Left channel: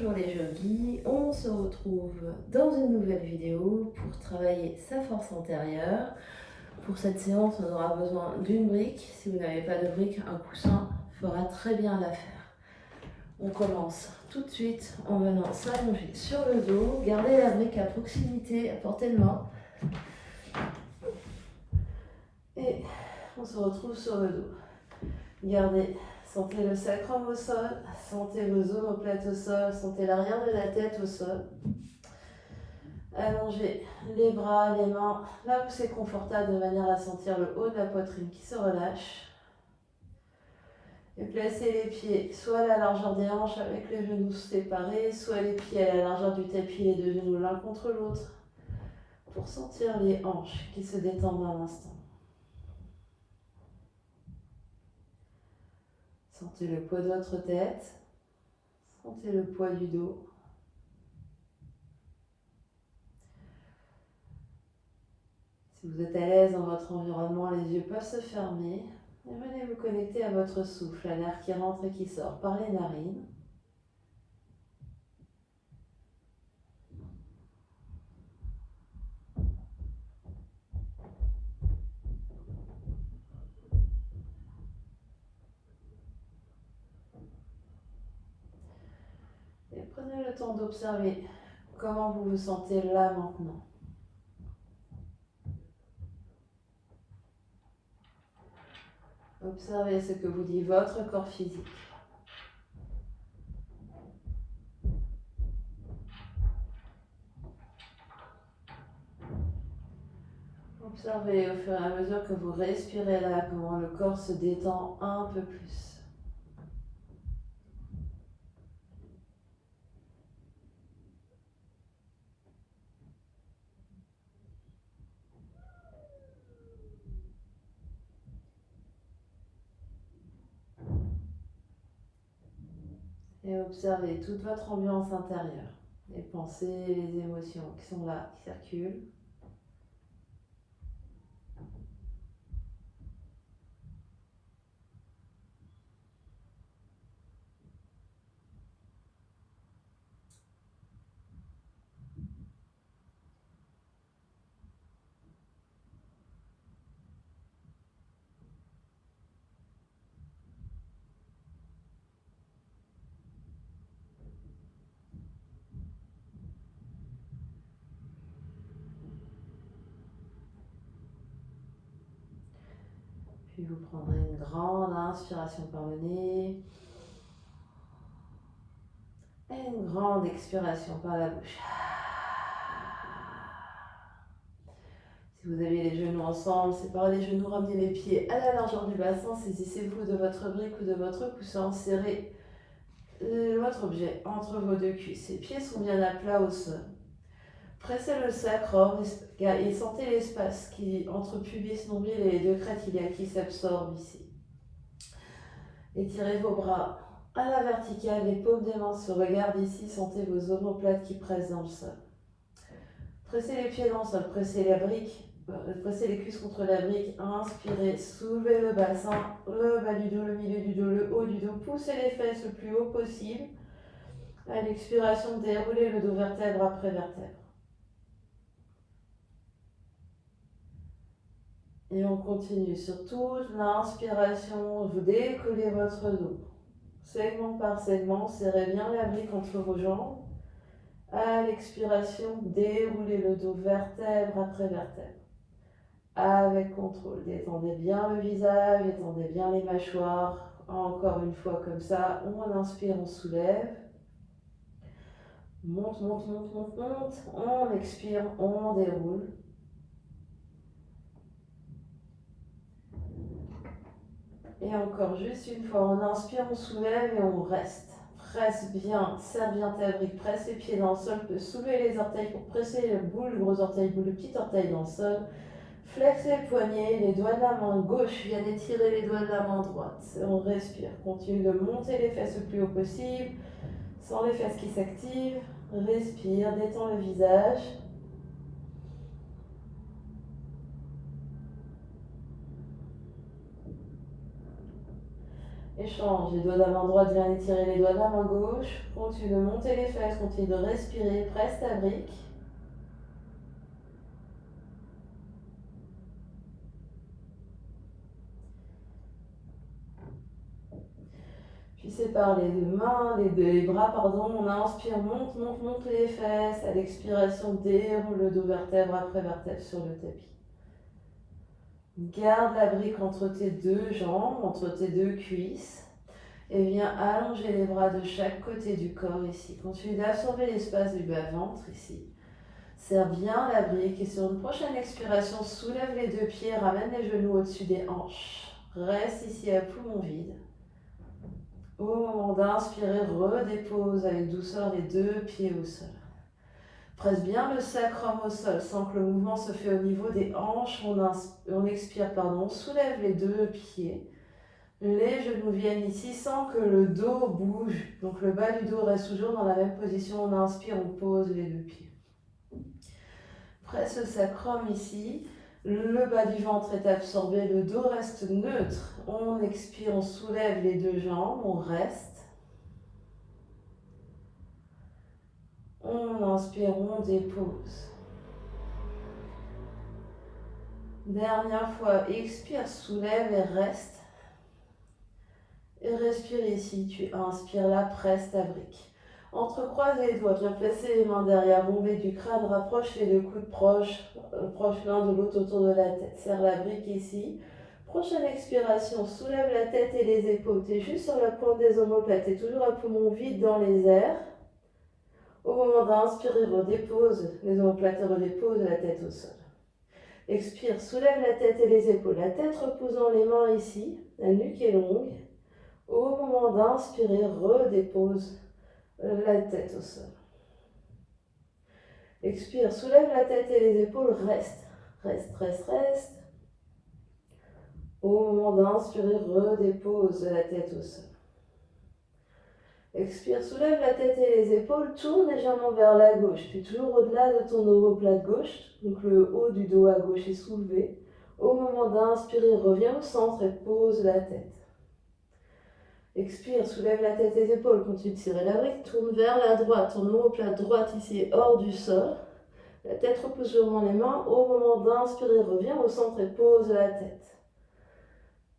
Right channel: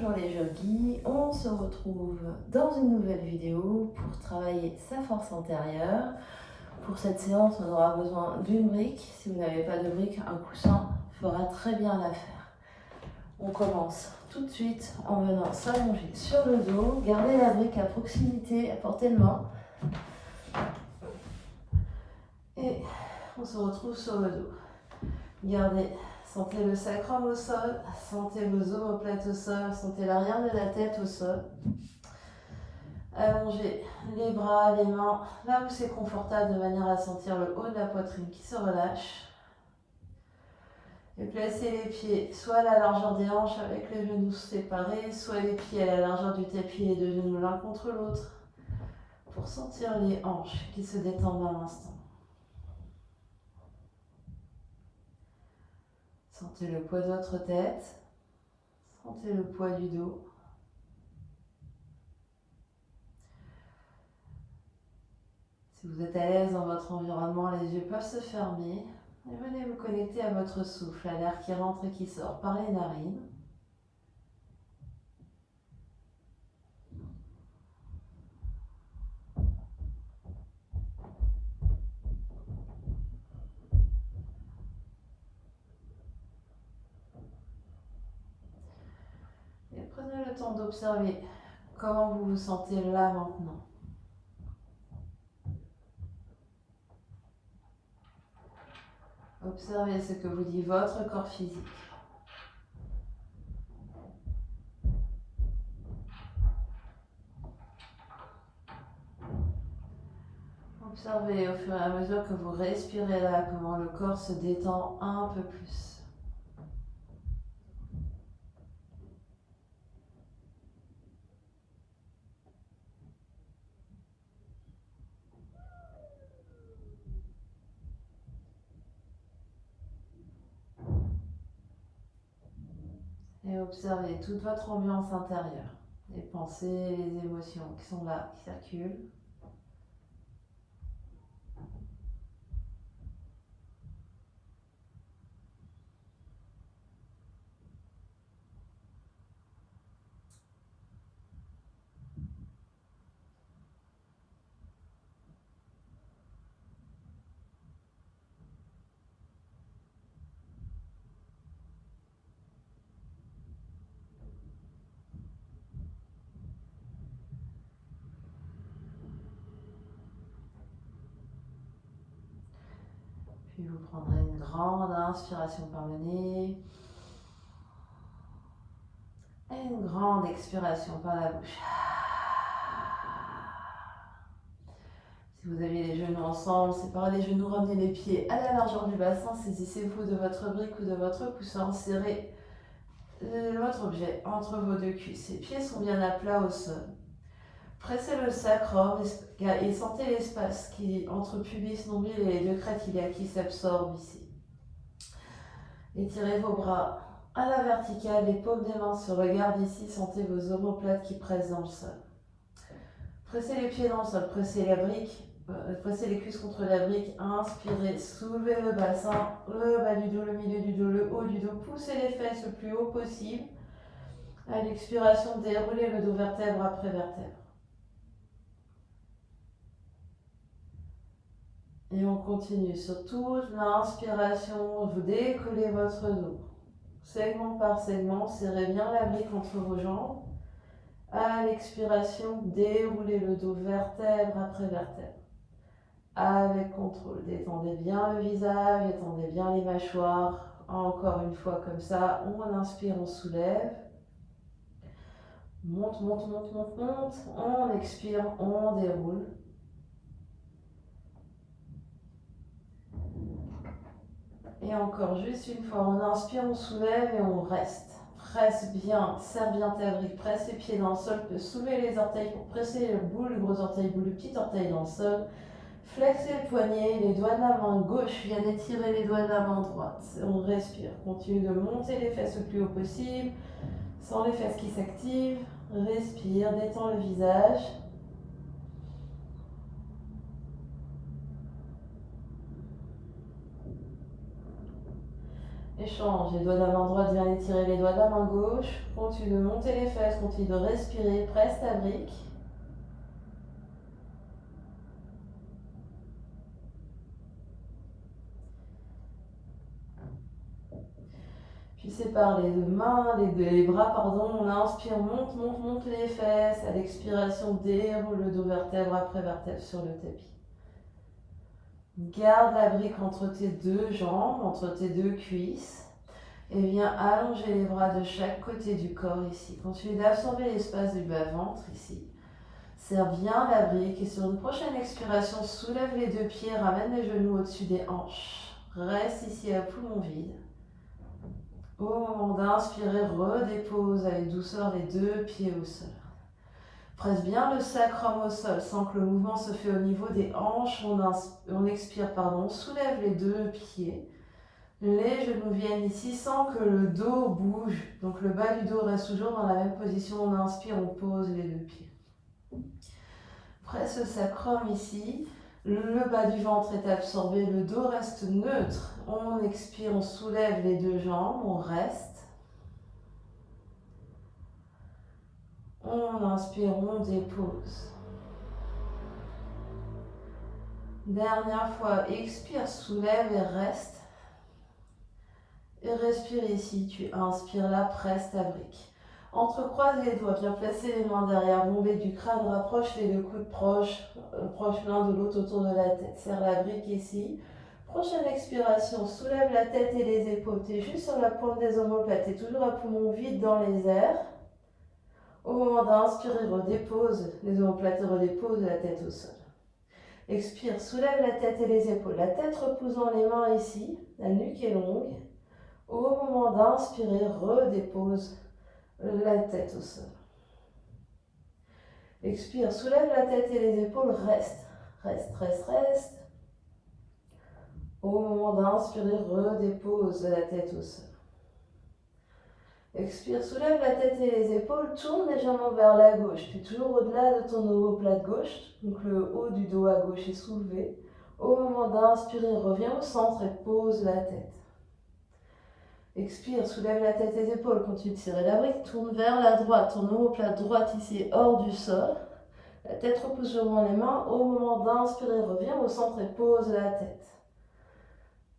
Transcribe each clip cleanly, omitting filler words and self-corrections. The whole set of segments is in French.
Bonjour les yogis, on se retrouve dans une nouvelle vidéo pour travailler sa force antérieure. Pour cette séance, on aura besoin d'une brique. Si vous n'avez pas de brique, un coussin fera très bien l'affaire. On commence tout de suite en venant s'allonger sur le dos. Gardez la brique à proximité, à portée de main. Et on se retrouve sur le dos. Gardez, sentez le sacrum au sol, sentez vos omoplates au sol, sentez l'arrière de la tête au sol. Allongez les bras, les mains, là où c'est confortable de manière à sentir le haut de la poitrine qui se relâche. Et placez les pieds soit à la largeur des hanches avec les genoux séparés, soit les pieds à la largeur du tapis, les deux genoux l'un contre l'autre, pour sentir les hanches qui se détendent à l'instant. Sentez le poids de votre tête, sentez le poids du dos. Si vous êtes à l'aise dans votre environnement, les yeux peuvent se fermer. Et venez vous connecter à votre souffle, à l'air qui rentre et qui sort par les narines. Et prenez le temps d'observer comment vous vous sentez là maintenant. Observez ce que vous dit votre corps physique. Observez au fur et à mesure que vous respirez là, comment le corps se détend un peu plus. Et observez toute votre ambiance intérieure, les pensées, les émotions qui sont là, qui circulent. Puis vous prendrez une grande inspiration par le nez et une grande expiration par la bouche. Si vous avez les genoux ensemble, séparez les genoux, ramenez les pieds à la largeur du bassin, saisissez-vous de votre brique ou de votre coussin, serrez votre objet entre vos deux cuisses. Les pieds sont bien à plat au sol. Pressez le sacrum et sentez l'espace qui entre pubis, nombril et les deux crêtes iliaques qui s'absorbent ici. Étirez vos bras à la verticale, les paumes des mains se regardent ici, sentez vos omoplates qui pressent dans le sol. Pressez les pieds dans le sol, pressez les cuisses contre la brique, inspirez, soulevez le bassin, le bas du dos, le milieu du dos, le haut du dos, poussez les fesses le plus haut possible. À l'expiration, déroulez le dos vertèbre après vertèbre. Et on continue sur toute l'inspiration, vous décollez votre dos. Segment par segment, serrez bien la brique entre vos jambes. À l'expiration, déroulez le dos vertèbre après vertèbre. Avec contrôle, détendez bien le visage, détendez bien les mâchoires. Encore une fois comme ça, on inspire, on soulève. Monte, monte, monte, monte, monte. On expire, on déroule. Et encore juste une fois, on inspire, on soulève et on reste. Presse bien, serre bien ta brique, presse les pieds dans le sol, soulevez les orteils pour presser le bout, le gros orteil, bout, le petit orteil dans le sol. Flexez le poignet, les doigts de la main gauche viennent étirer les doigts de la main droite. On respire, continue de monter les fesses le plus haut possible, sans les fesses qui s'activent. Respire, détends le visage. Échange, les doigts de la main droite viennent étirer les doigts de la main gauche. Continue de monter les fesses, continue de respirer, presse ta brique. Puis sépare les deux mains, les bras, pardon. On inspire, monte, monte, monte les fesses. À l'expiration, déroule le dos vertèbre après vertèbre sur le tapis. Garde la brique entre tes deux jambes, entre tes deux cuisses. Et viens allonger les bras de chaque côté du corps ici. Continue d'absorber l'espace du bas-ventre ici. Serre bien la brique et sur une prochaine expiration, soulève les deux pieds, ramène les genoux au-dessus des hanches. Reste ici à poumon vide. Au moment d'inspirer, redépose avec douceur les deux pieds au sol. Presse bien le sacrum au sol sans que le mouvement se fait au niveau des hanches. On expire, on soulève les deux pieds. Les genoux viennent ici sans que le dos bouge. Donc le bas du dos reste toujours dans la même position. On inspire, on pose les deux pieds. Presse le sacrum ici. Le bas du ventre est absorbé, le dos reste neutre. On expire, on soulève les deux jambes, on reste. On inspire, on dépose. Dernière fois, expire, soulève et reste. Et respire ici, tu inspires là, presse ta brique. Entrecroise les doigts, viens placer les mains derrière, bombée du crâne, rapproche les deux coudes proches l'un de l'autre autour de la tête. Serre la brique ici. Prochaine expiration, soulève la tête et les épaules. Tu es juste sur la pointe des omoplates, tu es toujours à poumon vide dans les airs. Au moment d'inspirer, redépose les omoplates, redépose la tête au sol. Expire, soulève la tête et les épaules. La tête reposant les mains ici, la nuque est longue. Au moment d'inspirer, redépose la tête au sol. Expire, soulève la tête et les épaules, reste, reste, reste, reste. Au moment d'inspirer, redépose la tête au sol. Expire, soulève la tête et les épaules, tourne légèrement vers la gauche. Tu es toujours au-delà de ton omoplate gauche, donc le haut du dos à gauche est soulevé. Au moment d'inspirer, reviens au centre et pose la tête. Expire, soulève la tête et les épaules, continue de tirer la brique, tourne vers la droite, ton omoplate droite ici est hors du sol. La tête repose sur les mains, au moment d'inspirer, reviens au centre et pose la tête.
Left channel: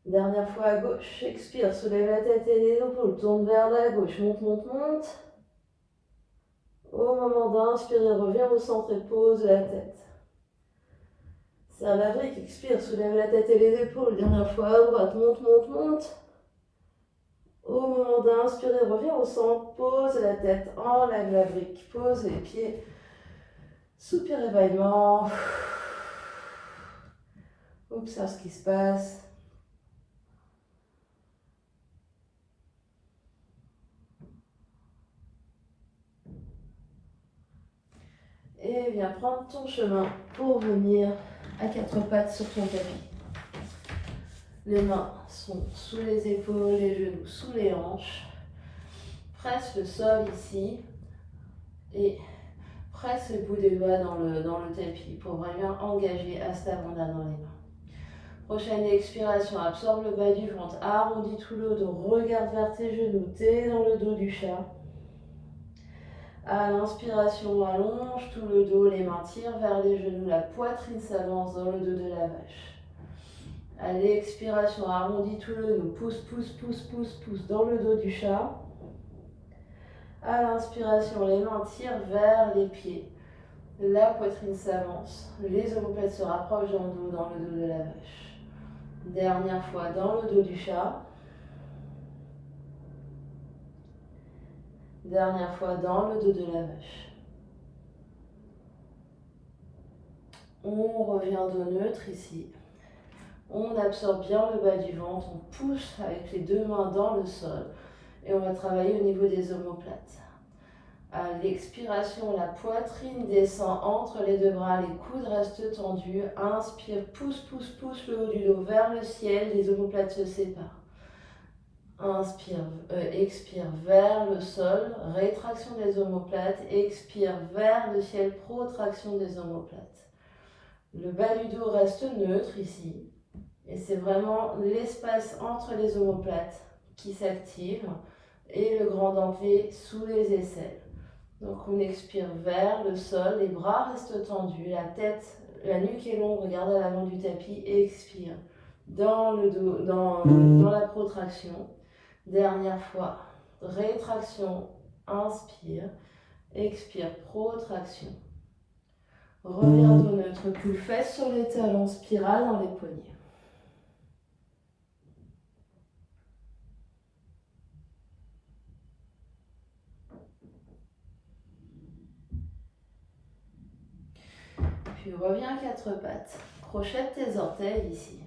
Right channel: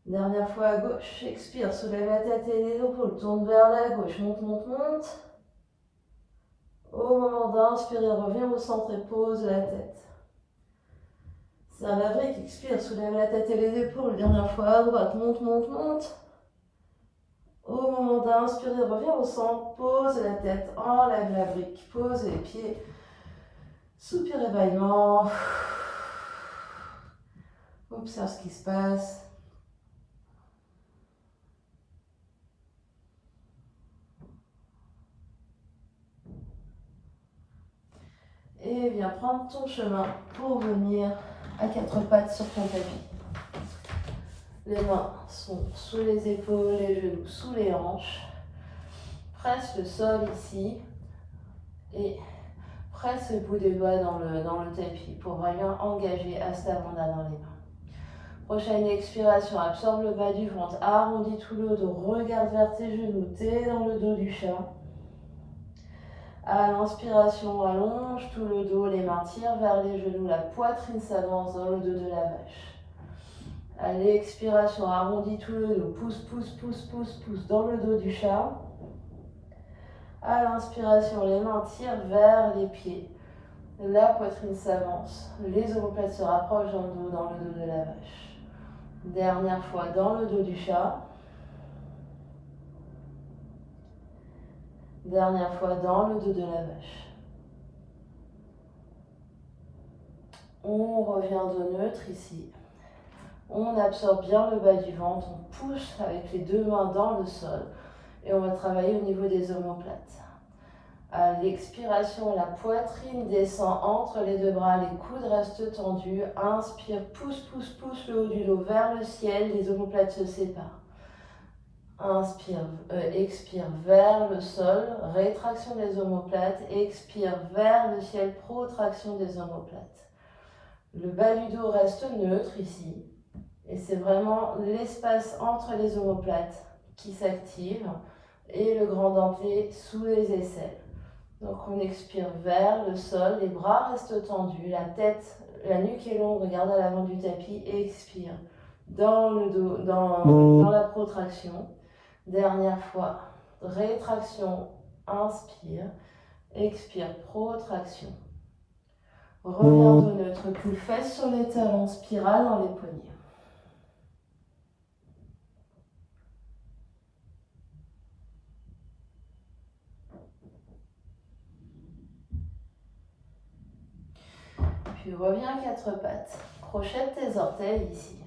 Dernière fois à gauche, expire, soulève la tête et les épaules, tourne vers la gauche, monte, monte, monte. Au moment d'inspirer, reviens au centre et pose la tête. Serre la brique, expire, soulève la tête et les épaules, dernière fois à droite, monte, monte, monte. Au moment d'inspirer, reviens au centre, pose la tête, enlève la brique, pose les pieds, soupir évaillement. Observe ce qui se passe. Et viens prendre ton chemin pour venir à quatre pattes sur ton tapis. Les mains sont sous les épaules, les genoux sous les hanches. Presse le sol ici et presse le bout des doigts dans le tapis pour vraiment engager Hasta Bandha dans les mains. Prochaine expiration, absorbe le bas du ventre, arrondis tout le dos, regarde vers tes genoux, t'es dans le dos du chat. À l'inspiration, allonge tout le dos, les mains tirent vers les genoux, la poitrine s'avance dans le dos de la vache. À l'expiration, arrondis tout le dos, pousse, pousse, pousse, pousse, pousse dans le dos du chat. À l'inspiration, les mains tirent vers les pieds. La poitrine s'avance, les omoplates se rapprochent dans le dos de la vache. Dernière fois dans le dos du chat. Dernière fois dans le dos de la vache. On revient de neutre ici. On absorbe bien le bas du ventre, on pousse avec les deux mains dans le sol et on va travailler au niveau des omoplates. À l'expiration, la poitrine descend entre les deux bras, les coudes restent tendus. Inspire, pousse, pousse, pousse le haut du dos vers le ciel, les omoplates se séparent. Inspire, expire vers le sol, rétraction des omoplates, expire vers le ciel, protraction des omoplates. Le bas du dos reste neutre ici. Et c'est vraiment l'espace entre les omoplates qui s'active et le grand dentelé sous les aisselles. Donc on expire vers le sol, les bras restent tendus, la tête, la nuque est longue, regarde à l'avant du tapis et expire dans le dos, dans la protraction. Dernière fois, rétraction, inspire, expire, protraction. Reviens au neutre, cul-fesse sur les talons, spirale dans les poignets. Puis reviens quatre pattes, crochette tes orteils ici.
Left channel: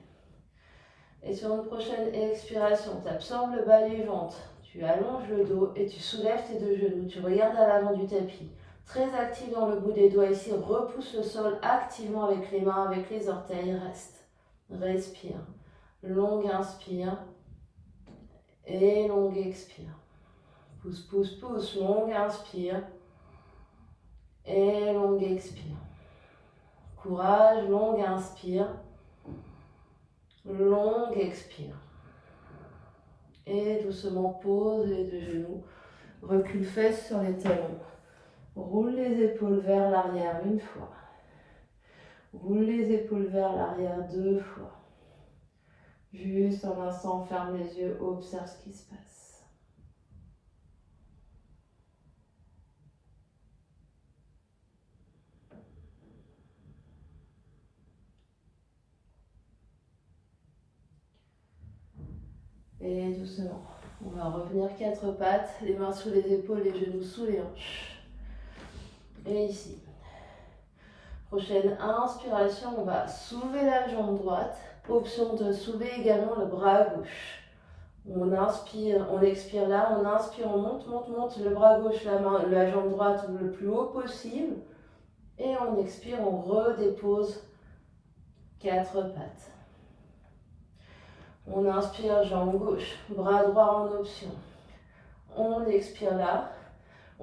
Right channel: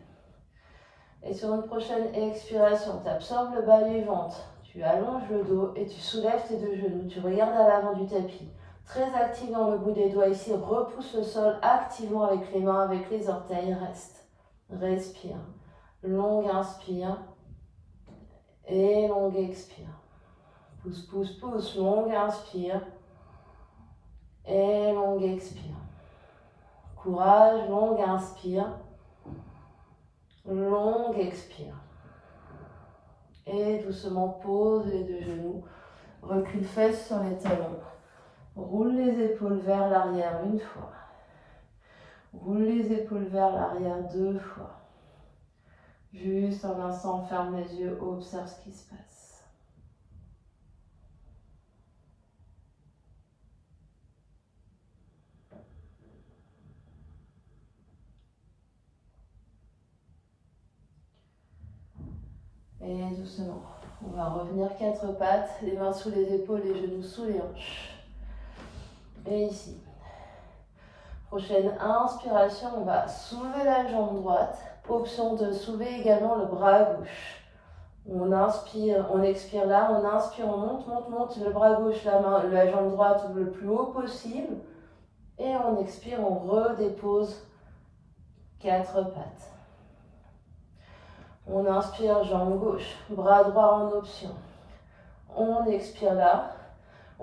Et sur une prochaine expiration, tu absorbes le bas du ventre, tu allonges le dos et tu soulèves tes deux genoux. Tu regardes à l'avant du tapis. Très actif dans le bout des doigts ici, repousse le sol activement avec les mains, avec les orteils, reste. Respire. Longue inspire et longue expire. Pousse, pousse, pousse, longue inspire et longue expire. Courage, longue inspire, longue expire. Et doucement pose les deux genoux, recule fesses sur les talons. Roule les épaules vers l'arrière une fois. Roule les épaules vers l'arrière deux fois. Juste un instant, ferme les yeux, observe ce qui se passe. Et doucement, on va revenir quatre pattes, les mains sous les épaules, les genoux sous les hanches. Et ici. Prochaine inspiration, on va soulever la jambe droite. Option de soulever également le bras gauche. On inspire, on expire là, on inspire, on monte, monte, monte le bras gauche, la jambe droite le plus haut possible. Et on expire, on redépose quatre pattes. On inspire, jambe gauche, bras droit en option. On expire là.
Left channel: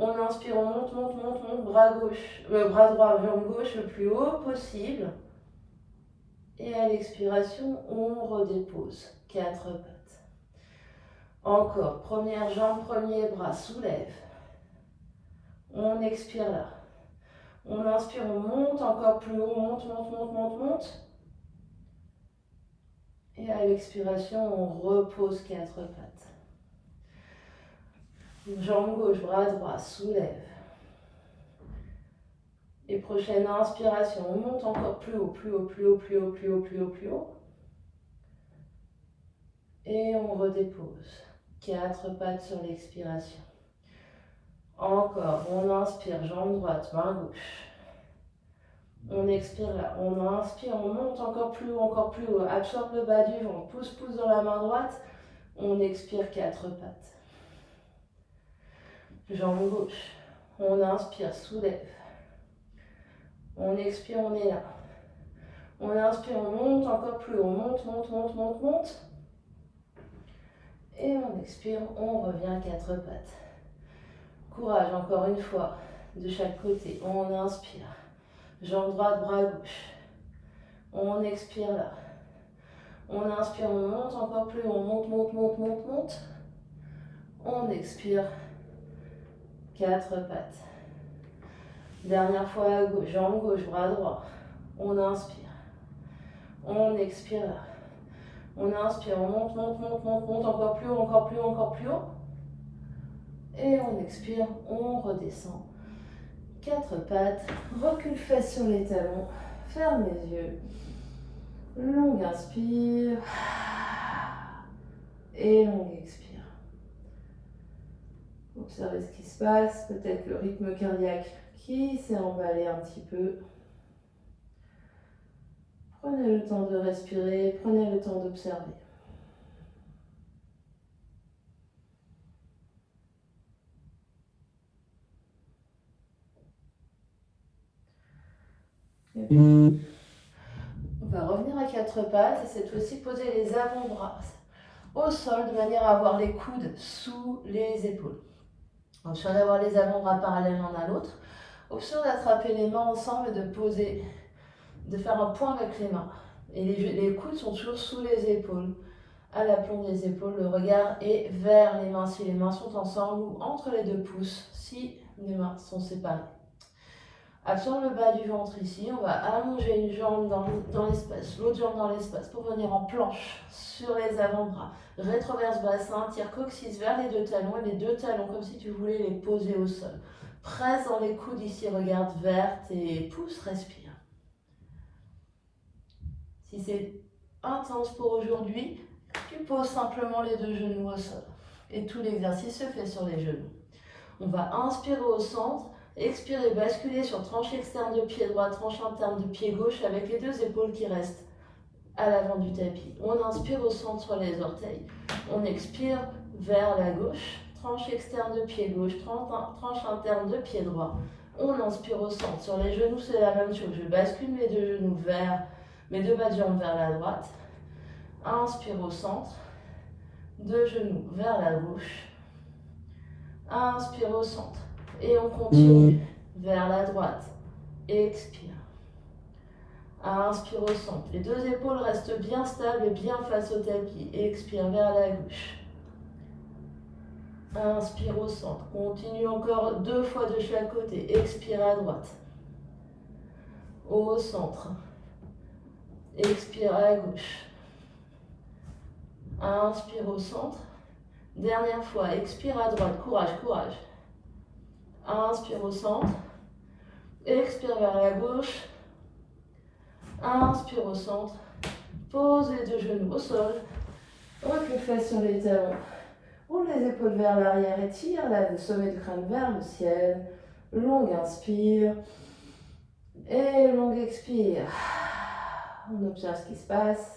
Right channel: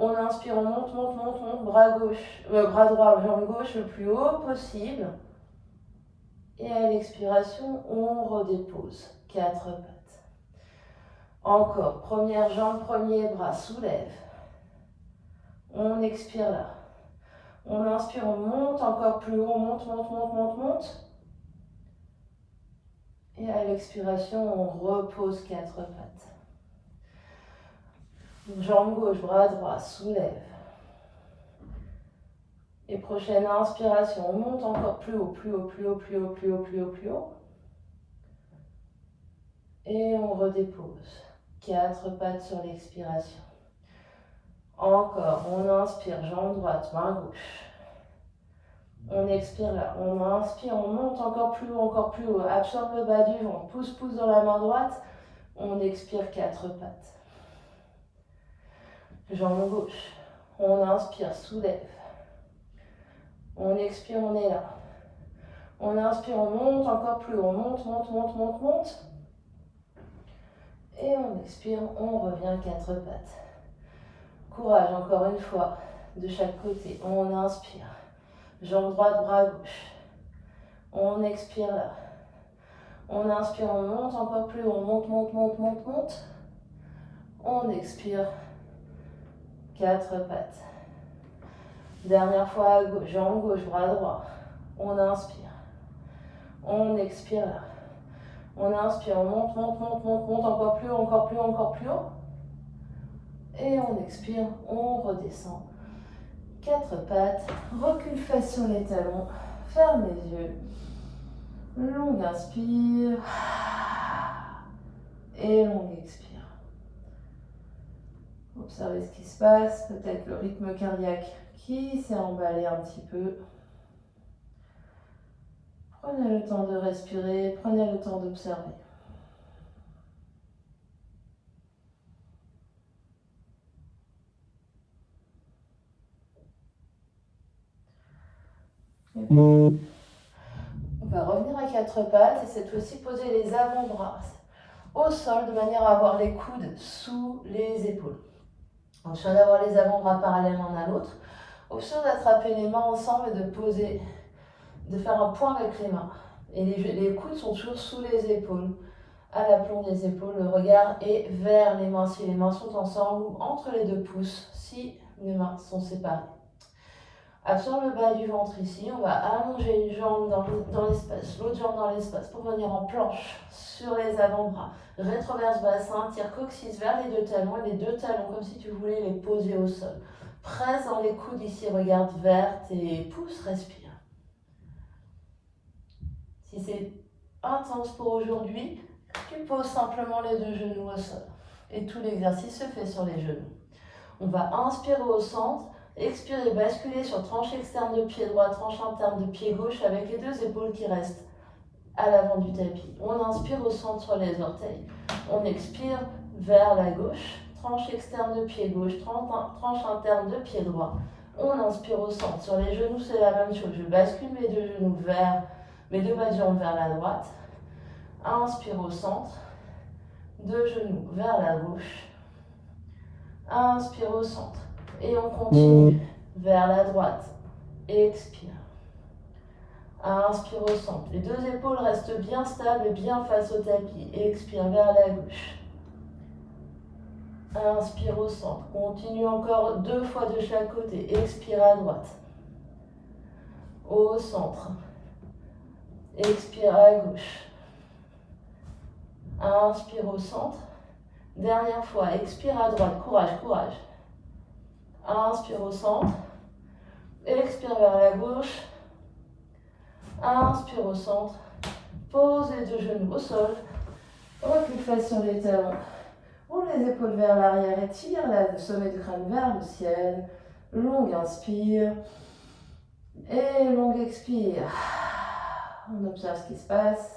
On inspire, on monte, monte, monte, monte, bras droit, jambe gauche le plus haut possible. Et à l'expiration, on redépose quatre pattes. Encore, première jambe, premier bras, soulève. On expire là. On inspire, on monte encore plus haut, monte, monte, monte, monte, monte. Et à l'expiration, on repose quatre pattes. Jambe gauche, bras droit, soulève. Et prochaine inspiration, on monte encore plus haut, plus haut, plus haut, plus haut, plus haut, plus haut, plus haut. Et on redépose. Quatre pattes sur l'expiration. Encore, on inspire, jambe droite, main gauche. On expire là, on inspire, on monte encore plus haut, absorbe le bas du ventre, pousse, pousse dans la main droite. On expire quatre pattes. Jambe gauche, on inspire, soulève. On expire, on est là. On inspire, on monte encore plus haut. On monte, monte, monte, monte, monte. Et on expire, on revient quatre pattes. Courage, encore une fois, de chaque côté. On inspire. Jambe droite, bras gauche. On expire là. On inspire, on monte encore plus haut. On monte, monte, monte, monte, monte. On expire. Quatre pattes. Dernière fois à gauche, jambe gauche, bras droit. On inspire. On expire là. On inspire, on monte, monte, monte, monte, monte, encore plus haut, encore plus haut, encore plus haut. Et on expire, on redescend. Quatre pattes, recule fesses sur les talons, ferme les yeux. Longue inspire. Et longue expire. Observez ce qui se passe, peut-être le rythme cardiaque qui s'est emballé un petit peu. Prenez le temps de respirer, prenez le temps d'observer. On va revenir à quatre pattes et cette fois-ci poser les avant-bras au sol de manière à avoir les coudes sous les épaules. Option d'avoir les avant-bras parallèles l'un à l'autre. Option d'attraper les mains ensemble et de poser, de faire un point avec les mains. Et les coudes sont toujours sous les épaules. à l'aplomb des épaules. Le regard est vers les mains si les mains sont ensemble ou entre les deux pouces si les mains sont séparées. Absorbe le bas du ventre ici. On va allonger une jambe dans l'espace, l'autre jambe dans l'espace pour venir en planche sur les avant-bras. Rétroverse bassin, tire coccyx vers les deux talons et les deux talons comme si tu voulais les poser au sol. Presse dans les coudes ici, regarde vers tes pouces, respire. Si c'est intense pour aujourd'hui, tu poses simplement les deux genoux au sol. Et tout l'exercice se fait sur les genoux. On va inspirer au centre, expirer, basculer sur tranche externe de pied droit, tranche interne de pied gauche avec les deux épaules qui restent à l'avant du tapis. On inspire au centre sur les orteils. On expire vers la gauche, tranche externe de pied gauche, tranche interne de pied droit. On inspire au centre. Sur les genoux, c'est la même chose. Je bascule mes deux genoux vers mes deux bas de jambes vers la droite. Inspire au centre. Deux genoux vers la gauche. Inspire au centre. Et on continue vers la droite. Expire. Inspire au centre. Les deux épaules restent bien stables et bien face au tapis. Expire vers la gauche. Inspire au centre. Continue encore 2 fois de chaque côté. Expire à droite. Au centre. Expire à gauche. Inspire au centre. Dernière fois. Expire à droite. Courage, courage. Inspire au centre. Expire vers la gauche. Inspire au centre. Pose les deux genoux au sol. Rote les fesses sur les talons. Roule les épaules vers l'arrière et tire le sommet du crâne vers le ciel. Longue inspire. Et longue expire. On observe ce qui se passe.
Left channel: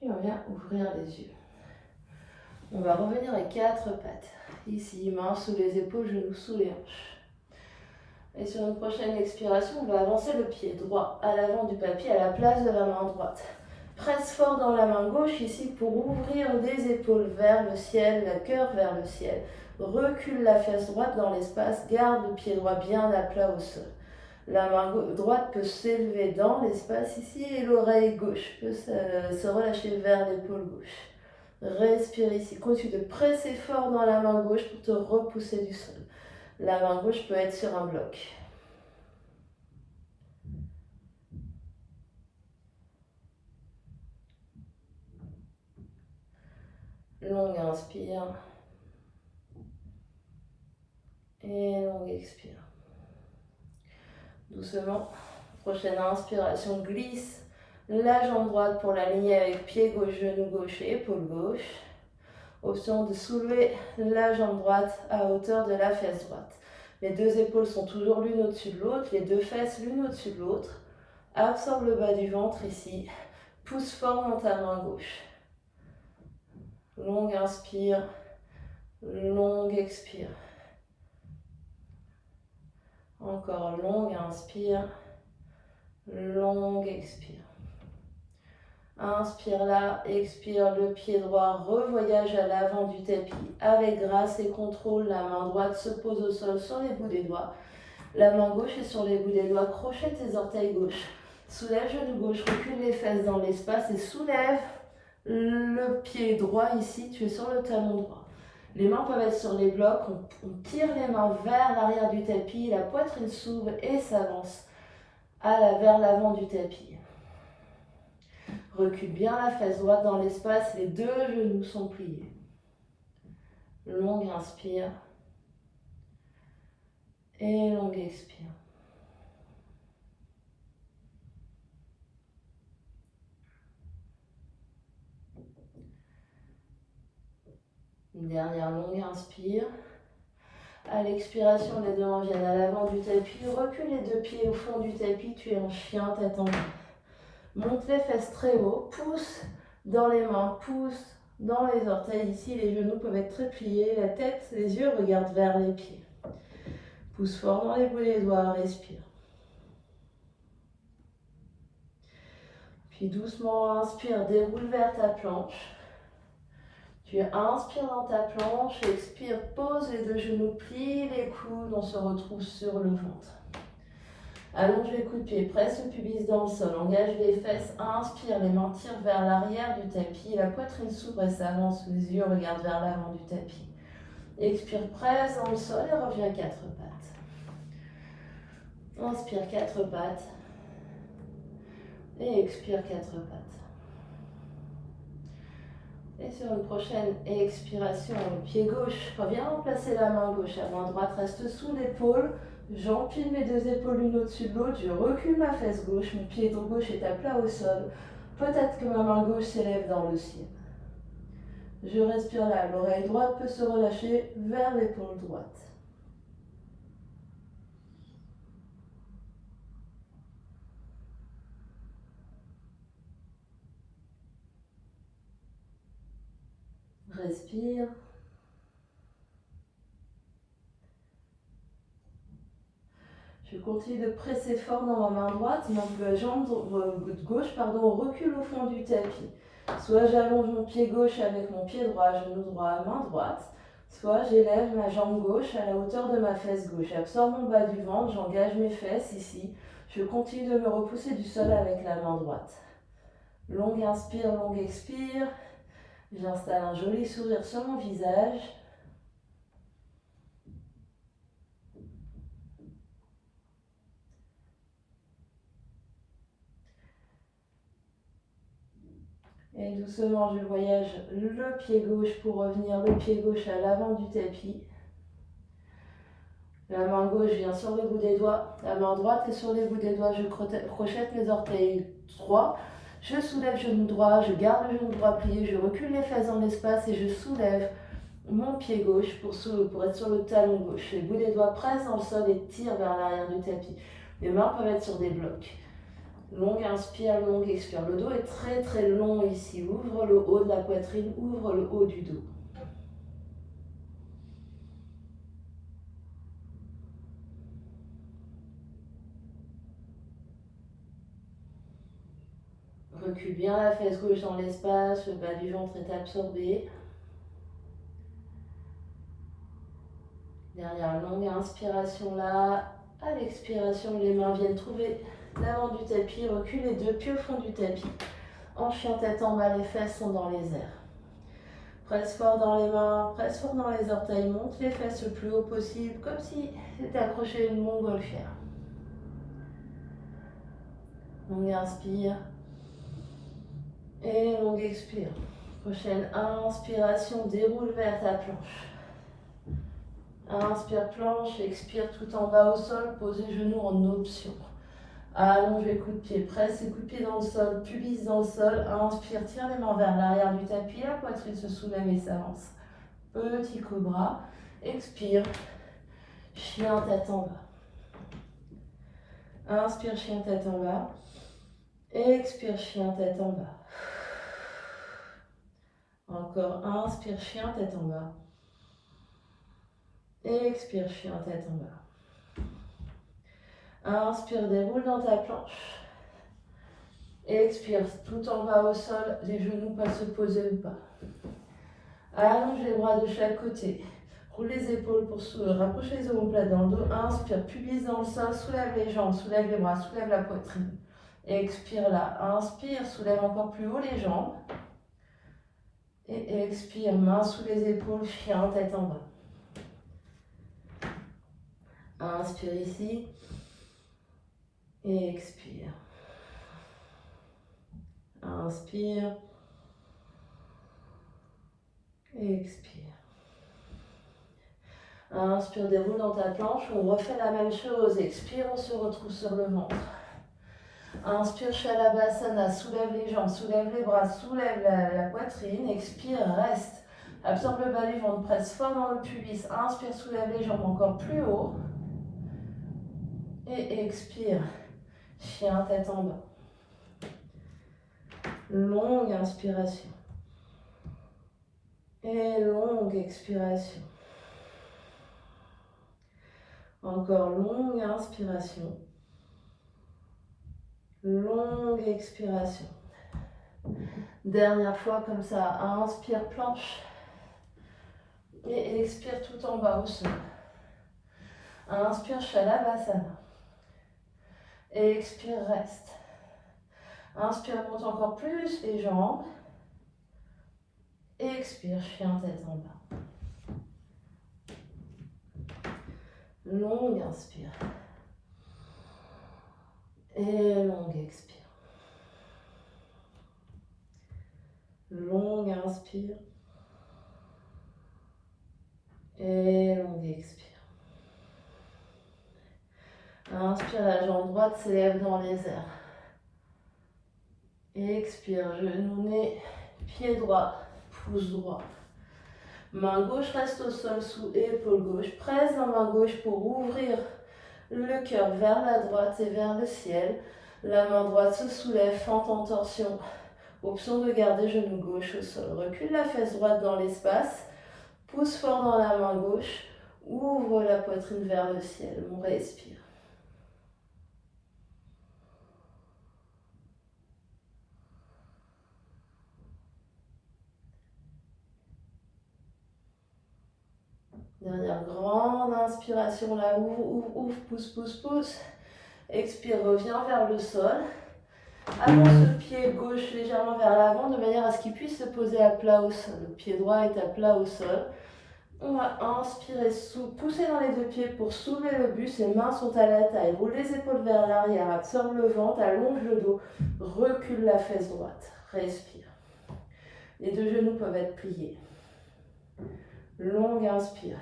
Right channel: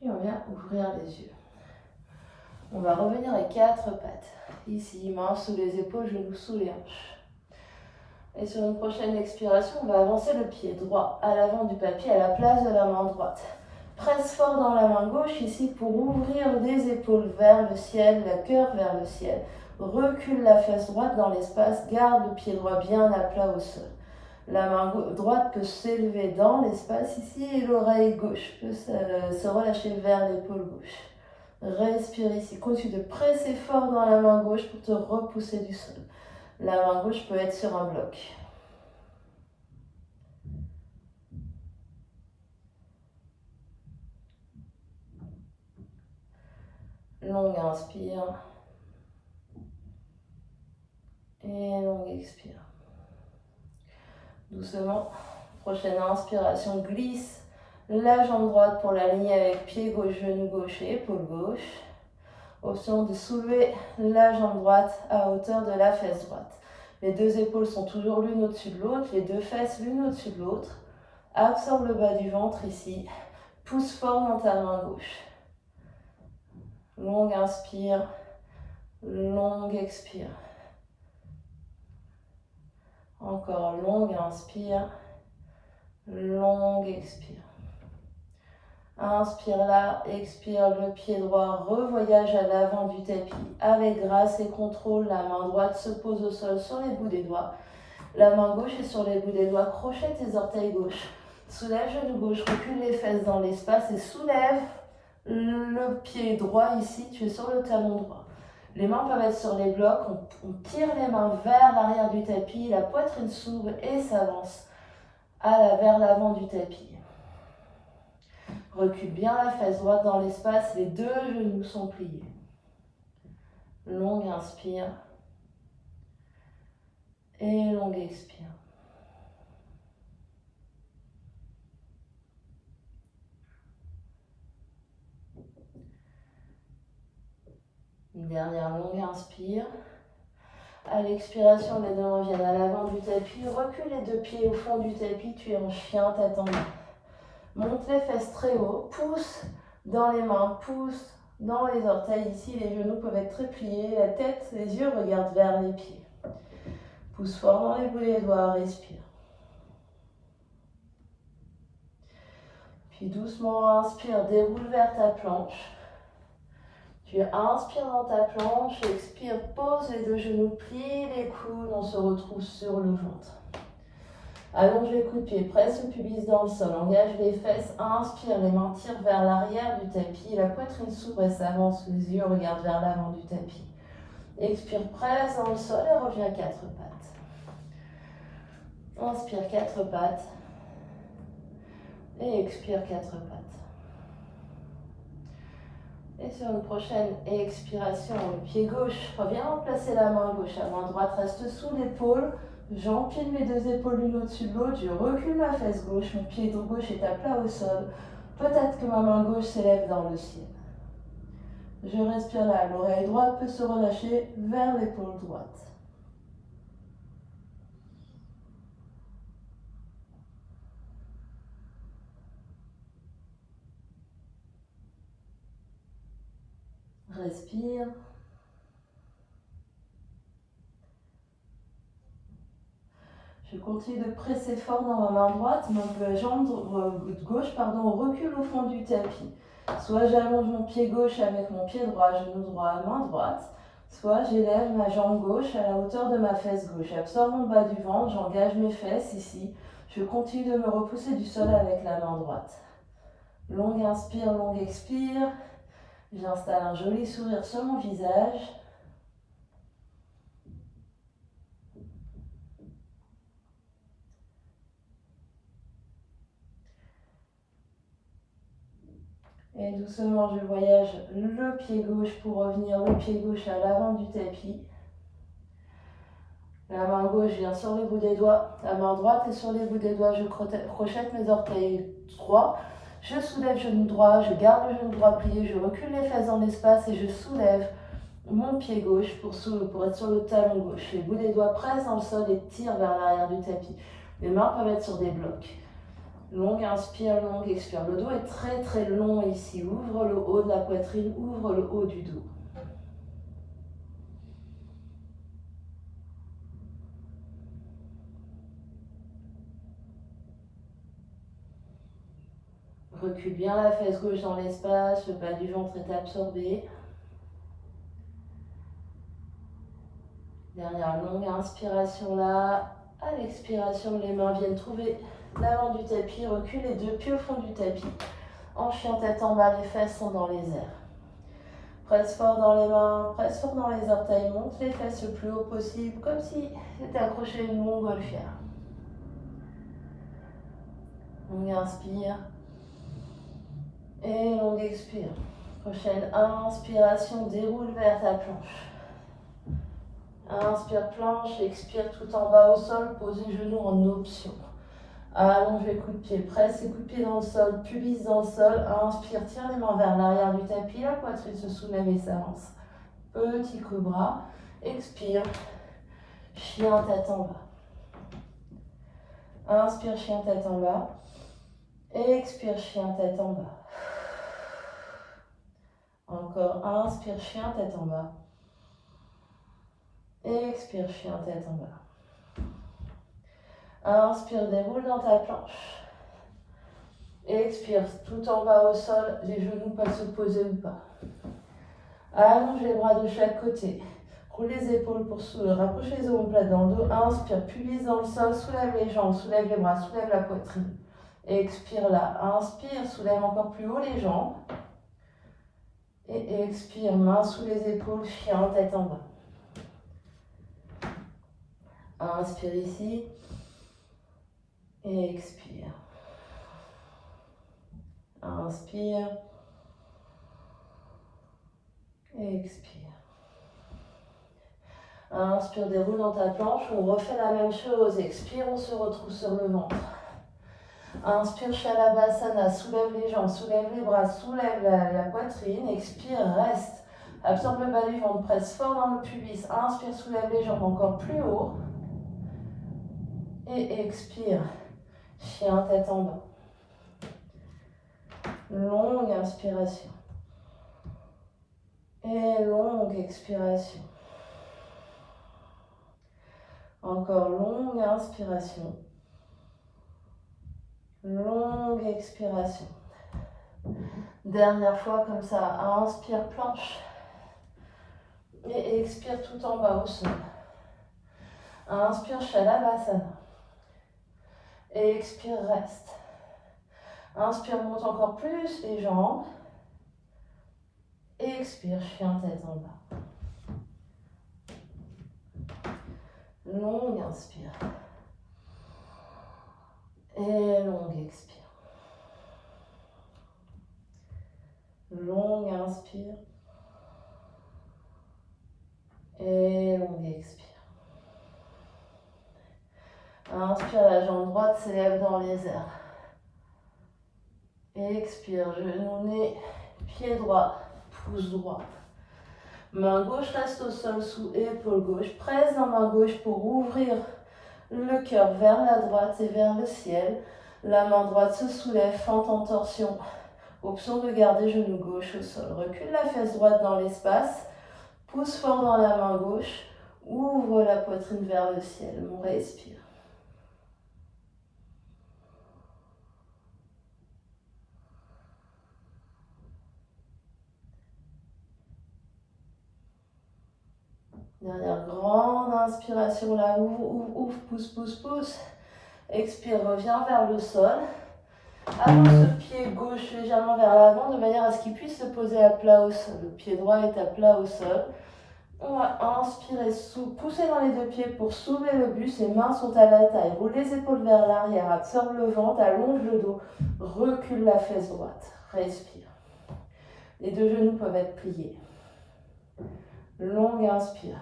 Puis on vient ouvrir les yeux. On va revenir les 4 pattes. Ici, mains sous les épaules, genoux sous les hanches. Et sur une prochaine expiration, on va avancer le pied droit à l'avant du tapis à la place de la main droite. Presse fort dans la main gauche ici pour ouvrir les épaules vers le ciel, le cœur vers le ciel. Recule la fesse droite dans l'espace, garde le pied droit bien à plat au sol. La main droite peut s'élever dans l'espace ici et l'oreille gauche peut se relâcher vers l'épaule gauche. Respire ici. Continue de presser fort dans la main gauche pour te repousser du sol. La main gauche peut être sur un bloc. Longue inspire. Et longue expire. Doucement. Prochaine inspiration, glisse la jambe droite pour l'aligner avec pied gauche, genou gauche et épaule gauche. Option de soulever la jambe droite à hauteur de la fesse droite. Les deux épaules sont toujours l'une au-dessus de l'autre, les deux fesses l'une au-dessus de l'autre. Absorbe le bas du ventre ici. Pousse fort dans ta main gauche. Longue inspire, longue expire. Encore longue inspire, longue expire. Inspire là, expire, le pied droit revoyage à l'avant du tapis. Avec grâce et contrôle, la main droite se pose au sol sur les bouts des doigts. La main gauche est sur les bouts des doigts, crochet tes orteils gauche. Soulève genou gauche, recule les fesses dans l'espace et soulève le pied droit ici, tu es sur le talon droit. Les mains peuvent être sur les blocs, on tire les mains vers l'arrière du tapis, la poitrine s'ouvre et s'avance vers l'avant du tapis. Recule bien la fesse droite dans l'espace, les deux genoux sont pliés. Longue inspire et longue expire. Une dernière longue inspire. À l'expiration, les deux mains viennent à l'avant du tapis. Recule les deux pieds au fond du tapis, tu es en chien, tête en bas. Monte les fesses très haut, pousse dans les mains, pousse dans les orteils. Ici, les genoux peuvent être très pliés, la tête, les yeux regardent vers les pieds. Pousse fort dans les bouts des doigts, respire. Puis doucement, inspire, déroule vers ta planche. Puis inspire dans ta planche, expire, pose les deux genoux, plie les coudes, on se retrouve sur le ventre. Allonge les coups de pied, presse le pubis dans le sol, engage les fesses, inspire, les mains tirent vers l'arrière du tapis, la poitrine s'ouvre et s'avance, les yeux regardent vers l'avant du tapis. Expire, presse dans le sol et reviens quatre pattes. Inspire, quatre pattes. Et expire, quatre pattes. Et sur une prochaine expiration, le pied gauche, reviens remplacer la main gauche, la main droite reste sous l'épaule. J'empile mes deux épaules l'une au-dessus de l'autre, je recule ma fesse gauche, mon pied gauche est à plat au sol. Peut-être que ma main gauche s'élève dans le ciel. Je respire là, l'oreille droite peut se relâcher vers l'épaule droite. Respire. Je continue de presser fort dans ma main droite et ma jambe gauche recule au fond du tapis. Soit j'allonge mon pied gauche avec mon pied droit, genou droit, main droite. Soit j'élève ma jambe gauche à la hauteur de ma fesse gauche. J'absorbe mon bas du ventre, j'engage mes fesses ici. Je continue de me repousser du sol avec la main droite. Longue inspire, longue expire. J'installe un joli sourire sur mon visage. Et doucement, je voyage le pied gauche pour revenir le pied gauche à l'avant du tapis. La main gauche vient sur le bout des doigts. La main droite est sur les bouts des doigts. Je crochette mes orteils droits. Je soulève genou droit. Je garde le genou droit plié. Je recule les fesses dans l'espace et je soulève mon pied gauche pour être sur le talon gauche. Les bouts des doigts pressent dans le sol et tirent vers l'arrière du tapis. Les mains peuvent être sur des blocs. Longue inspire, longue expire. Le dos est très très long ici. Ouvre le haut de la poitrine, ouvre le haut du dos. Recule bien la fesse gauche dans l'espace, le bas du ventre est absorbé. Dernière longue inspiration là. À l'expiration, les mains viennent trouver l'avant du tapis, recule les deux pieds au fond du tapis. En chien tête en bas, les fesses sont dans les airs. Presse fort dans les mains, presse fort dans les orteils, monte les fesses le plus haut possible, comme si c'était accroché à une montgolfière. Longue inspire et longue expire. Prochaine inspiration, déroule vers ta planche. Inspire planche, expire tout en bas au sol, pose les genoux en option. Allonge les coups de pied, presse les coups de pied dans le sol, pubis dans le sol. Inspire, tire les mains vers l'arrière du tapis, la poitrine se soulève et s'avance. Petit cobra. Expire, chien tête en bas. Inspire, chien tête en bas. Expire, chien tête en bas. Encore, inspire, chien tête en bas. Expire, chien tête en bas. Inspire, déroule dans ta planche. Expire, tout en bas au sol, les genoux peuvent se poser ou pas. Allonge les bras de chaque côté. Roule les épaules pour rapprocher les omoplates dans le dos. Inspire, pubis dans le sol, soulève les jambes, soulève les bras, soulève la poitrine. Expire là. Inspire, soulève encore plus haut les jambes. Et expire, main sous les épaules, chien tête en bas. Inspire ici. Et expire. Inspire. Et expire. Inspire, déroule dans ta planche. On refait la même chose. Expire, on se retrouve sur le ventre. Inspire, Shalabhasana. Soulève les jambes, soulève les bras, soulève la poitrine. Expire, reste. Absorbe le bas du ventre, presse fort dans le pubis. Inspire, soulève les jambes encore plus haut. Et expire. Chien tête en bas. Longue inspiration. Et longue expiration. Encore longue inspiration. Longue expiration. Dernière fois comme ça. Inspire planche. Et expire tout en bas au sol. Inspire, Shalabhasana. Et expire, reste. Inspire, monte encore plus les jambes. Et expire, chien tête en bas. Longue inspire. Et longue expire. Longue inspire. Et longue expire. Inspire, la jambe droite s'élève dans les airs. Expire, genou, nez, pied droit, pouce droit. Main gauche reste au sol sous épaule gauche. Presse la main gauche pour ouvrir le cœur vers la droite et vers le ciel. La main droite se soulève, fente en torsion. Option de garder genou gauche au sol. Recule la fesse droite dans l'espace. Pousse fort dans la main gauche. Ouvre la poitrine vers le ciel. On respire. Dernière grande inspiration, là, ouvre, pousse, pousse, pousse. Expire, reviens vers le sol. Avance le pied gauche légèrement vers l'avant de manière à ce qu'il puisse se poser à plat au sol. Le pied droit est à plat au sol. On va inspirer, pousser dans les deux pieds pour soulever le buste. Les mains sont à la taille. Roule les épaules vers l'arrière. Absorbe le ventre, allonge le dos. Recule la fesse droite. Respire. Les deux genoux peuvent être pliés. Longue inspire.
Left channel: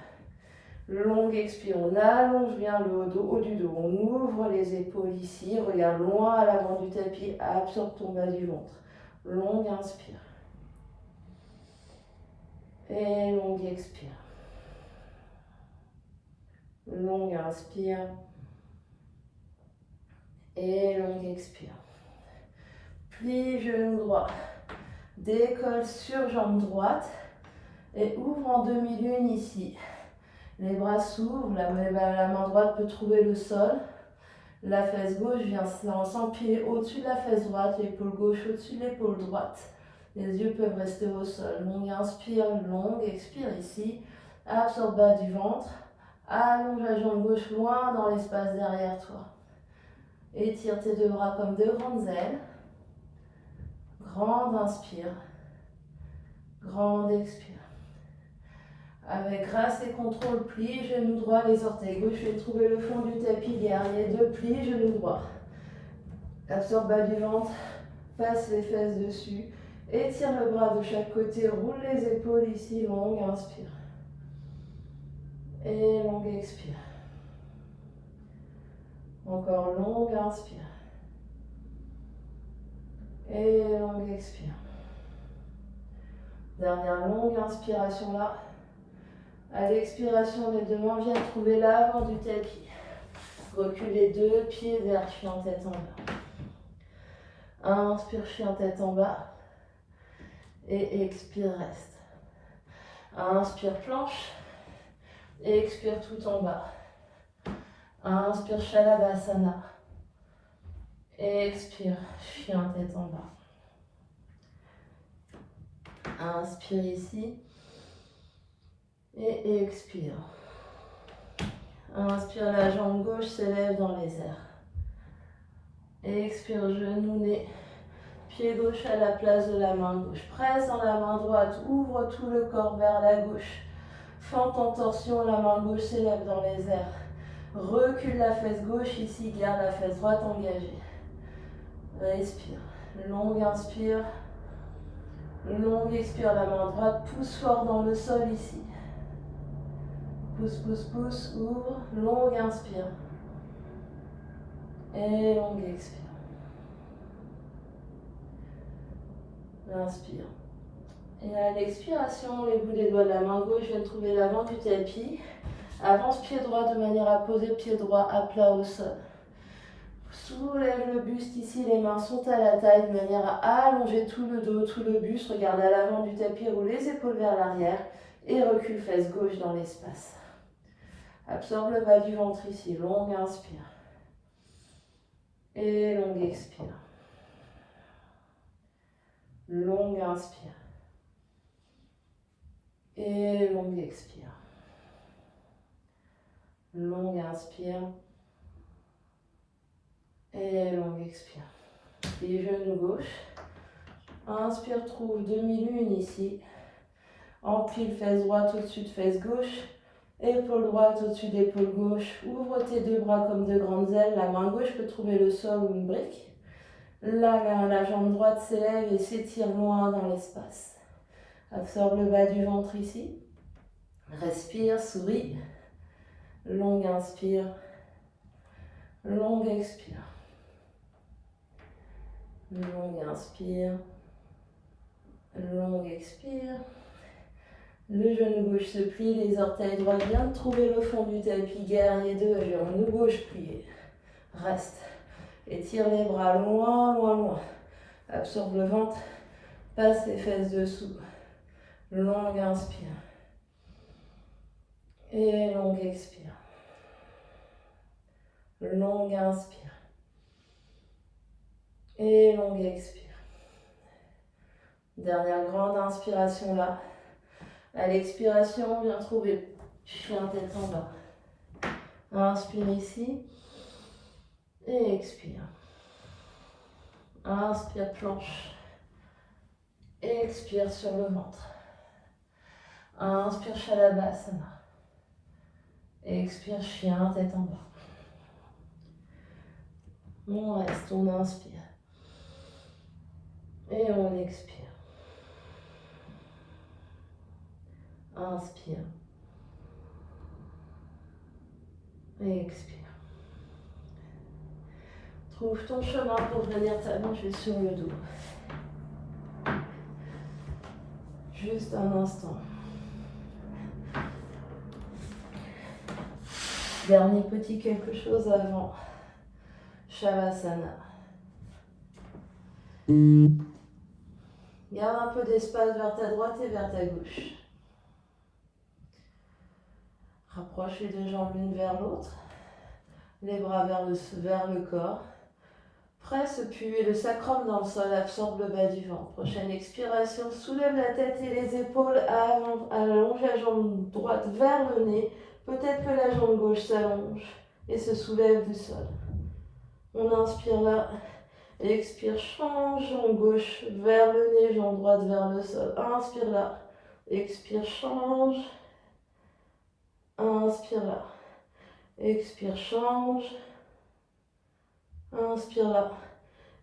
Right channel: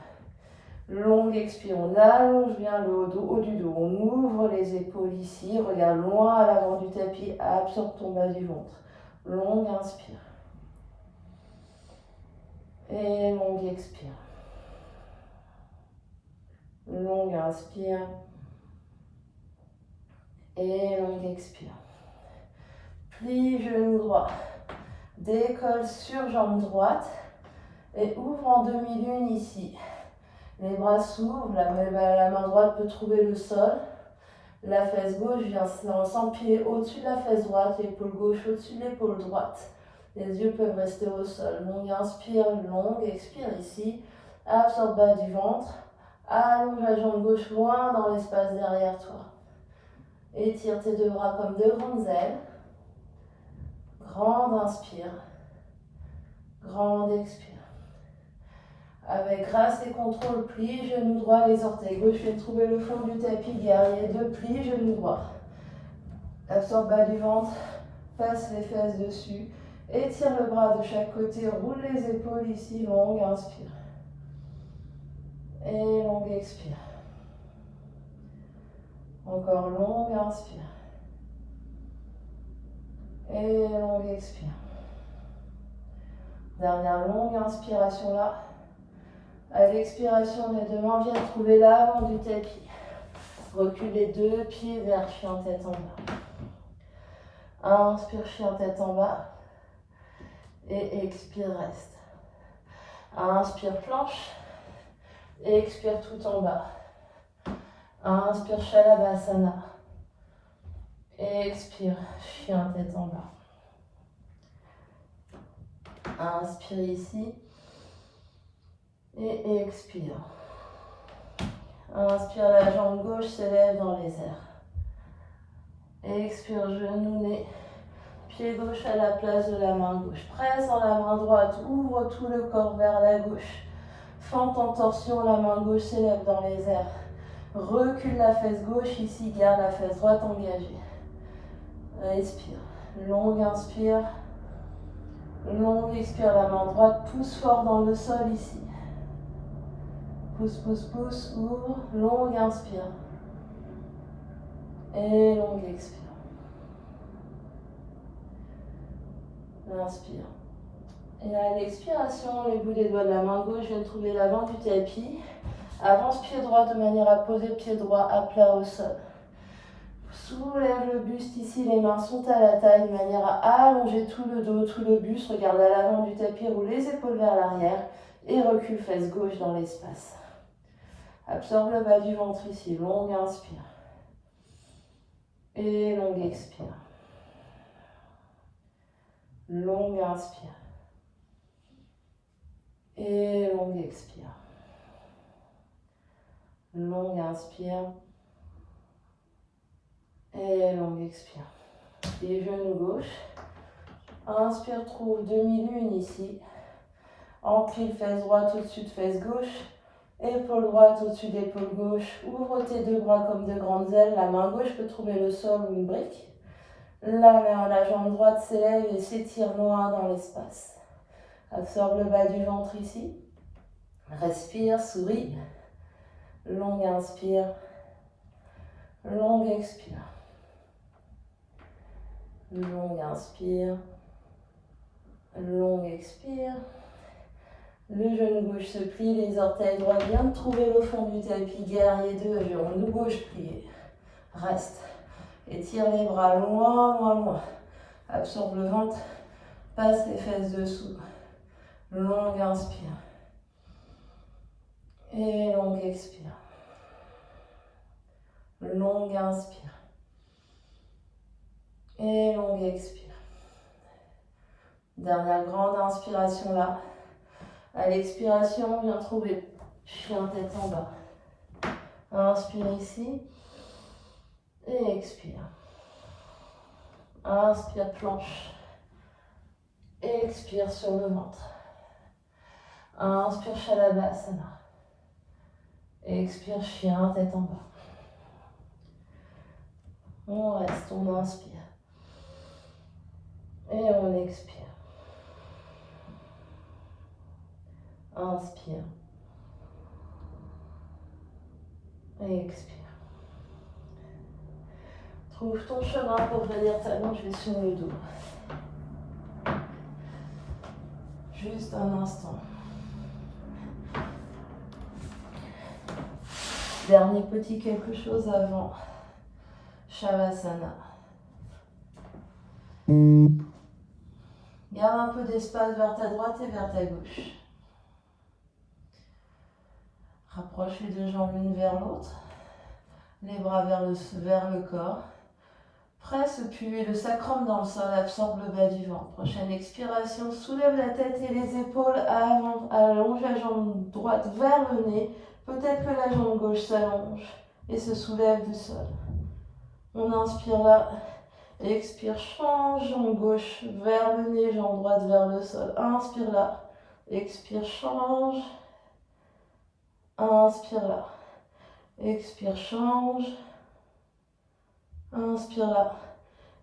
Longue expire, on allonge bien le haut du dos, on ouvre les épaules ici, regarde loin à l'avant du tapis, absorbe ton bas du ventre. Longue inspire. Et longue expire. Longue inspire. Et longue expire. Plie genou droit. Décolle sur jambe droite. Et ouvre en demi-lune ici. Les bras s'ouvrent, la main droite peut trouver le sol. La fesse gauche vient s'empiler au-dessus de la fesse droite, l'épaule gauche au-dessus de l'épaule droite. Les yeux peuvent rester au sol. Longue inspire, longue expire ici. Absorbe bas du ventre. Allonge la jambe gauche loin dans l'espace derrière toi. Étire tes deux bras comme deux grandes ailes. Grande inspire. Grande expire. Avec grâce et contrôle, plie, genou droit, les orteils gauche, je vais trouver le fond du tapis, guerrier 2, plie, genou droit. Absorbe bas du ventre, passe les fesses dessus, étire le bras de chaque côté, roule les épaules ici, longue, inspire. Et longue, expire. Encore longue, inspire. Et longue, expire. Dernière longue inspiration là. À l'expiration, les deux mains viennent trouver l'avant du tapis. Recule les deux pieds vers chien tête en bas. Inspire, chien tête en bas. Et expire, reste. Inspire, planche. Et expire tout en bas. Inspire, Shalabhasana. Et expire, chien tête en bas. Inspire ici. Et expire. Inspire, la jambe gauche s'élève dans les airs. Expire, genou, nez. Pied gauche à la place de la main gauche. Presse dans la main droite, ouvre tout le corps vers la gauche. Fente en torsion, la main gauche s'élève dans les airs. Recule la fesse gauche ici, garde la fesse droite engagée. Respire. Longue inspire. Longue expire, la main droite pousse fort dans le sol ici. Pousse, pousse, pousse, ouvre, longue inspire. Et longue expire. Inspire. Et à l'expiration, les bouts des doigts de la main gauche viennent trouver l'avant du tapis. Avance pied droit de manière à poser pied droit à plat au sol. Soulève le buste ici, les mains sont à la taille de manière à allonger tout le dos, tout le buste. Regarde à l'avant du tapis, roule les épaules vers l'arrière et recule fesse gauche dans l'espace. Absorbe le bas du ventre ici, longue inspire. Et longue expire. Longue inspire. Et longue expire. Longue inspire. Et longue expire. Les genoux gauche. Inspire, trouve demi-lune ici. Empile fesse droite au-dessus de fesse gauche. Épaule droite au-dessus d'épaule gauche. Ouvre tes deux bras comme de grandes ailes. La main gauche peut trouver le sol ou une brique. La jambe droite s'élève et s'étire loin dans l'espace. Absorbe le bas du ventre ici. Respire, souris. Longue inspire. Longue expire. Longue inspire. Longue expire. Le genou gauche se plie, les orteils droits viennent trouver le fond du tapis. Guerrier 2, genou gauche plié. Reste. Étire les bras loin, loin, loin. Absorbe le ventre. Passe les fesses dessous. Longue inspire. Et longue expire. Longue inspire. Et longue expire. Dernière grande inspiration là. À l'expiration, viens trouver chien tête en bas. Inspire ici. Et expire. Inspire, planche. Expire sur le ventre. Inspire, Shalabhasana. Expire, chien, tête en bas. On reste, on inspire. Et on expire. Inspire. Et expire. Trouve ton chemin pour venir t'allonger sur le dos. Juste un instant. Dernier petit quelque chose avant Shavasana. Garde un peu d'espace vers ta droite et vers ta gauche. Rapproche les deux jambes l'une vers l'autre. Les bras vers le corps. Presse puis le sacrum dans le sol, absorbe le bas du ventre. Prochaine expiration, soulève la tête et les épaules, allonge la jambe droite vers le nez. Peut-être que la jambe gauche s'allonge et se soulève du sol. On inspire là, expire, change, jambe gauche vers le nez, jambe droite vers le sol. Inspire là, expire, change. Inspire là, expire, change. Inspire là,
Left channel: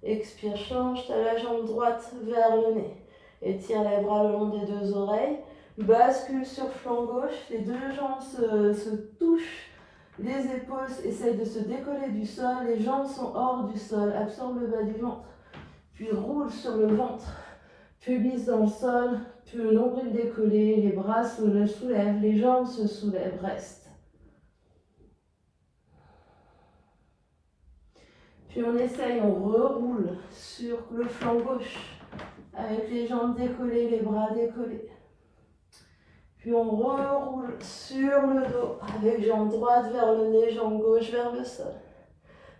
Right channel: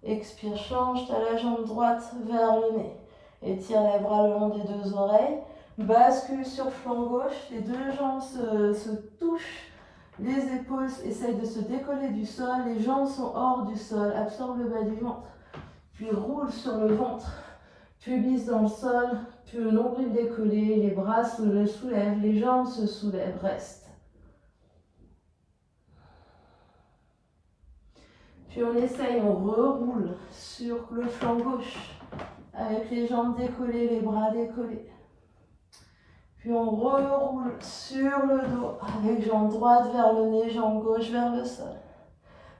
expire, change, tu as la jambe droite vers le nez. Étire les bras le long des deux oreilles. Bascule sur flanc gauche, les deux jambes se touchent. Les épaules essayent de se décoller du sol, les jambes sont hors du sol. Absorbe le bas du ventre, puis roule sur le ventre. Puis glisse dans le sol, puis le nombril décollé, les bras se soulèvent, les jambes se soulèvent, reste. Puis on essaye, on reroule sur le flanc gauche avec les jambes décollées, les bras décollés. Puis on reroule sur le dos avec jambe droite vers le nez, jambe gauche vers le sol.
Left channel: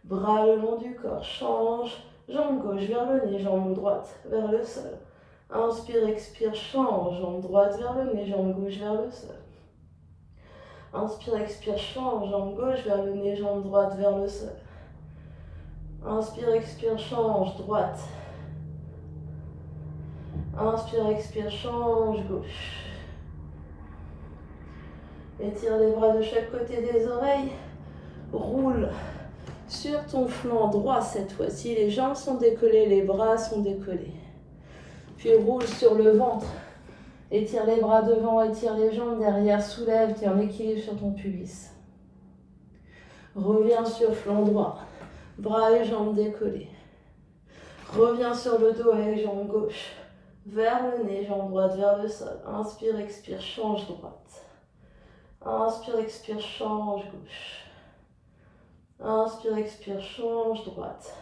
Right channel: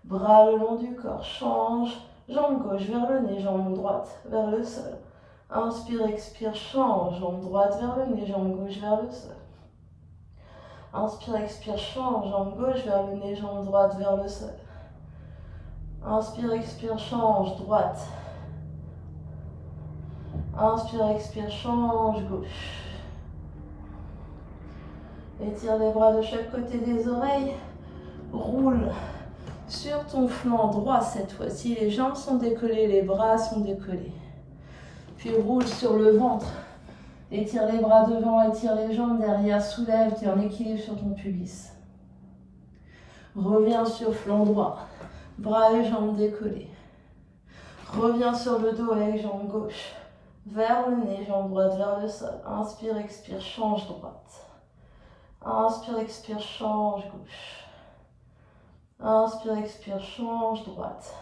Bras le long du corps, change, jambe gauche vers le nez, jambe droite vers le sol. Inspire, expire, change, jambe droite vers le nez, jambe gauche vers le sol. Inspire, expire, change, jambe gauche vers le nez, jambe droite vers le sol. Inspire, expire, change, droite. Inspire, expire, change, gauche. Étire les bras de chaque côté des oreilles. Roule sur ton flanc droit cette fois-ci. Les jambes sont décollées, les bras sont décollés. Puis roule sur le ventre. Étire les bras devant, étire les jambes derrière. Soulève, tiens l'équilibre sur ton pubis. Reviens sur flanc droit. Bras et jambes décollés. Reviens sur le dos avec jambe gauche. Vers le nez, jambe droite vers le sol. Inspire, expire, change droite. Inspire, expire, change gauche. Inspire, expire, change droite.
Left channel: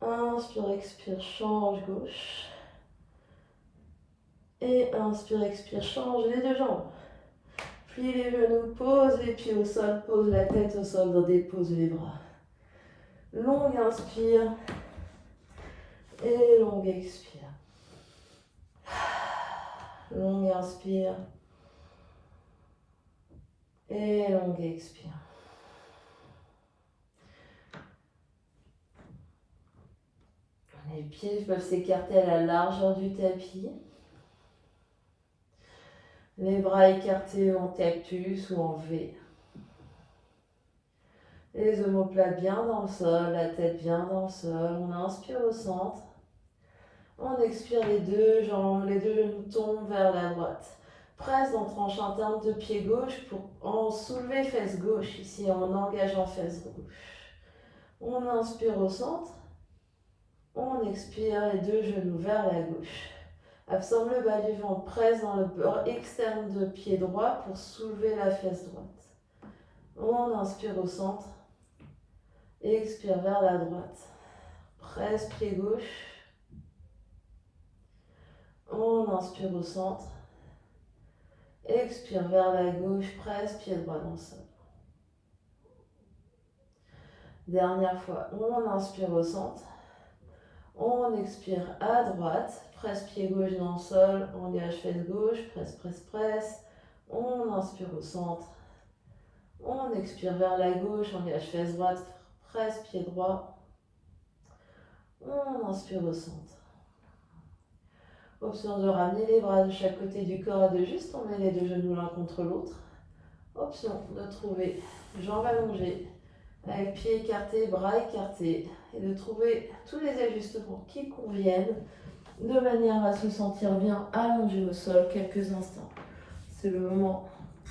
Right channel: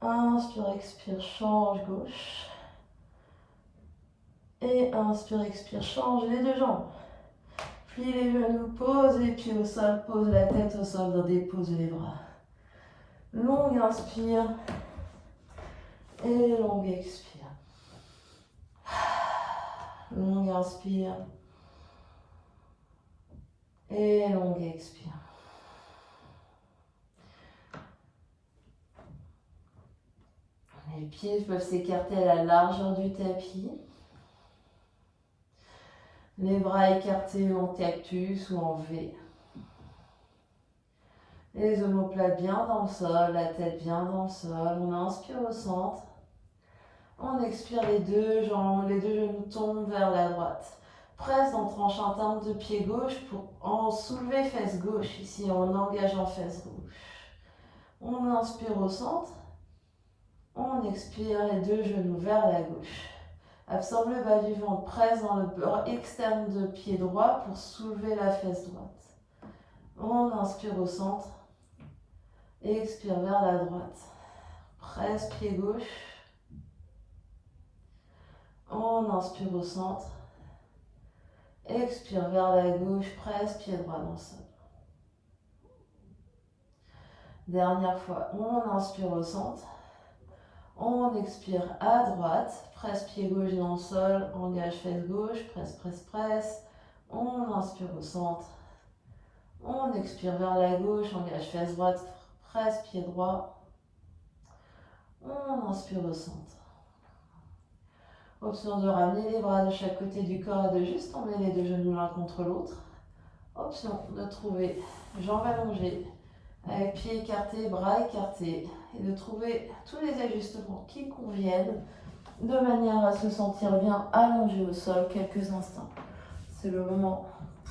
Inspire, expire, change gauche. Et inspire, expire, change les deux jambes. Plie les genoux, pose les pieds au sol, pose la tête au sol, dépose les bras. Longue inspire et longue expire. Longue inspire. Et longue expire. Les pieds peuvent s'écarter à la largeur du tapis. Les bras écartés en cactus ou en V. Les omoplates bien dans le sol, la tête bien dans le sol. On inspire au centre. On expire, les deux jambes, les deux genoux tombent vers la droite. Presse dans tranche interne de pied gauche pour en soulever fesse gauche. Ici, en engageant fesse gauche. On inspire au centre. On expire, les deux genoux vers la gauche. Absorbe le bas du ventre, presse dans le bord externe de pied droit pour soulever la fesse droite. On inspire au centre. Expire vers la droite. Presse pied gauche. On inspire au centre. Expire vers la gauche. Presse pied droit dans le sol. Dernière fois. On inspire au centre. On expire à droite. Presse pied gauche dans le sol. Engage fesse gauche. Presse, presse, presse. On inspire au centre. On expire vers la gauche. Engage fesse droite. Presse pied droit. On inspire au centre. Option de ramener les bras de chaque côté du corps, de juste emmener les deux genoux l'un contre l'autre. Option de trouver jambes allongées, avec pieds écartés, bras écartés, et de trouver tous les ajustements qui conviennent, de manière à se sentir bien allongé au sol quelques instants. C'est le moment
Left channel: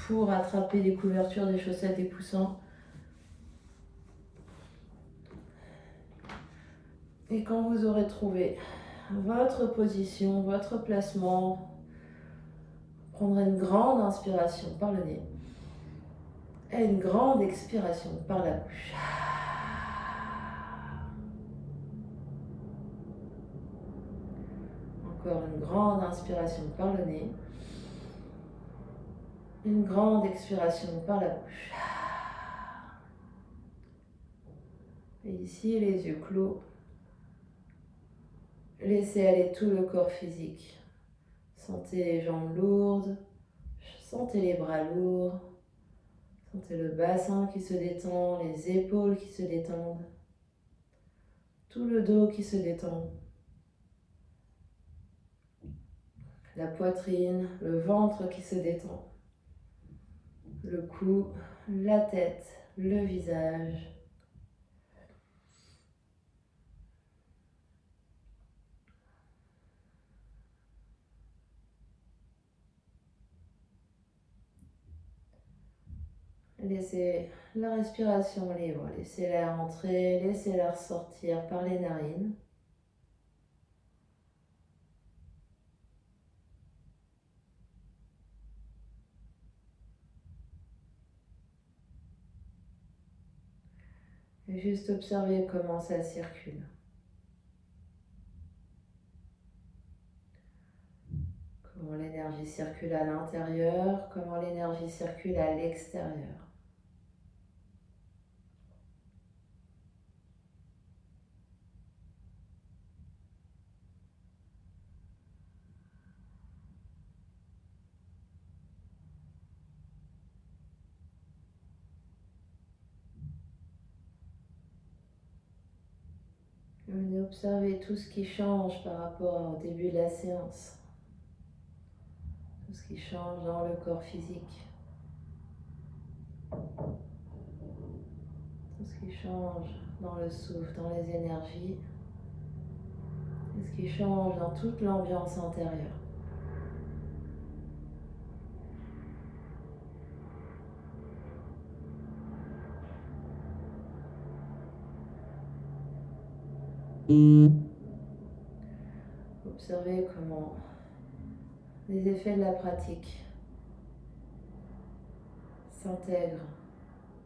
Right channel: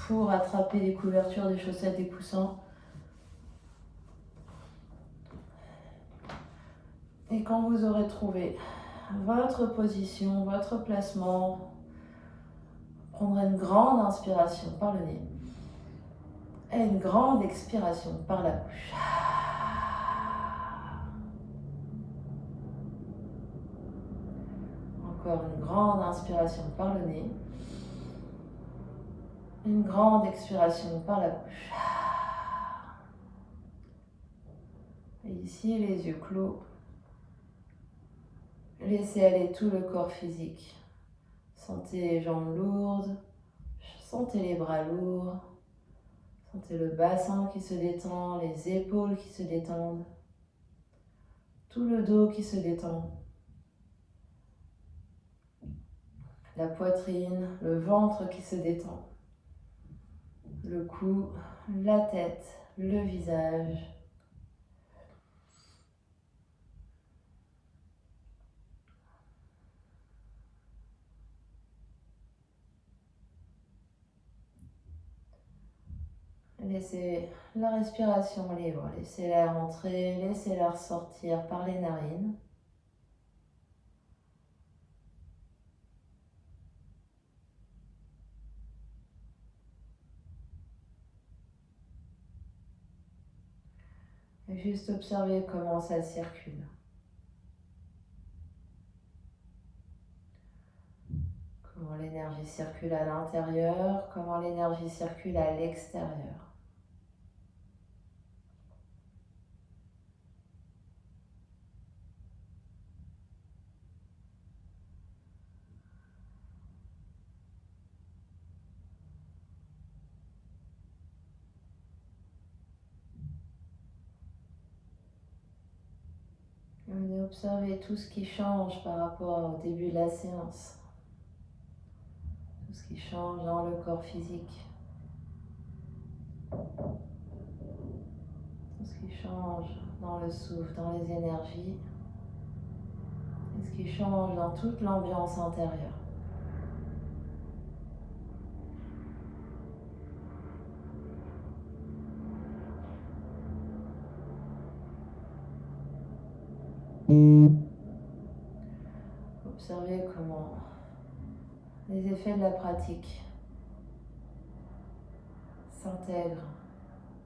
pour attraper des couvertures, des chaussettes, des coussins. Et quand vous aurez trouvé votre position, votre placement, prendrez une grande inspiration par le nez et une grande expiration par la bouche. Encore une grande inspiration par le nez, une grande expiration par la bouche. Et ici, les yeux clos. Laissez aller tout le corps physique. Sentez les jambes lourdes, sentez les bras lourds, sentez le bassin qui se détend, les épaules qui se détendent, tout le dos qui se détend, la poitrine, le ventre qui se détend, le cou, la tête, le visage. Laissez la respiration libre, laissez l'air entrer, laissez l'air sortir par les narines. Et juste observez comment ça circule. Comment l'énergie circule à l'intérieur, comment l'énergie circule à l'extérieur. Venez observer tout ce qui change par rapport au début de la séance. Tout ce qui change dans le corps physique. Tout ce qui change dans le souffle, dans les énergies. Et ce qui change dans toute l'ambiance intérieure. Observez comment les effets de la pratique s'intègrent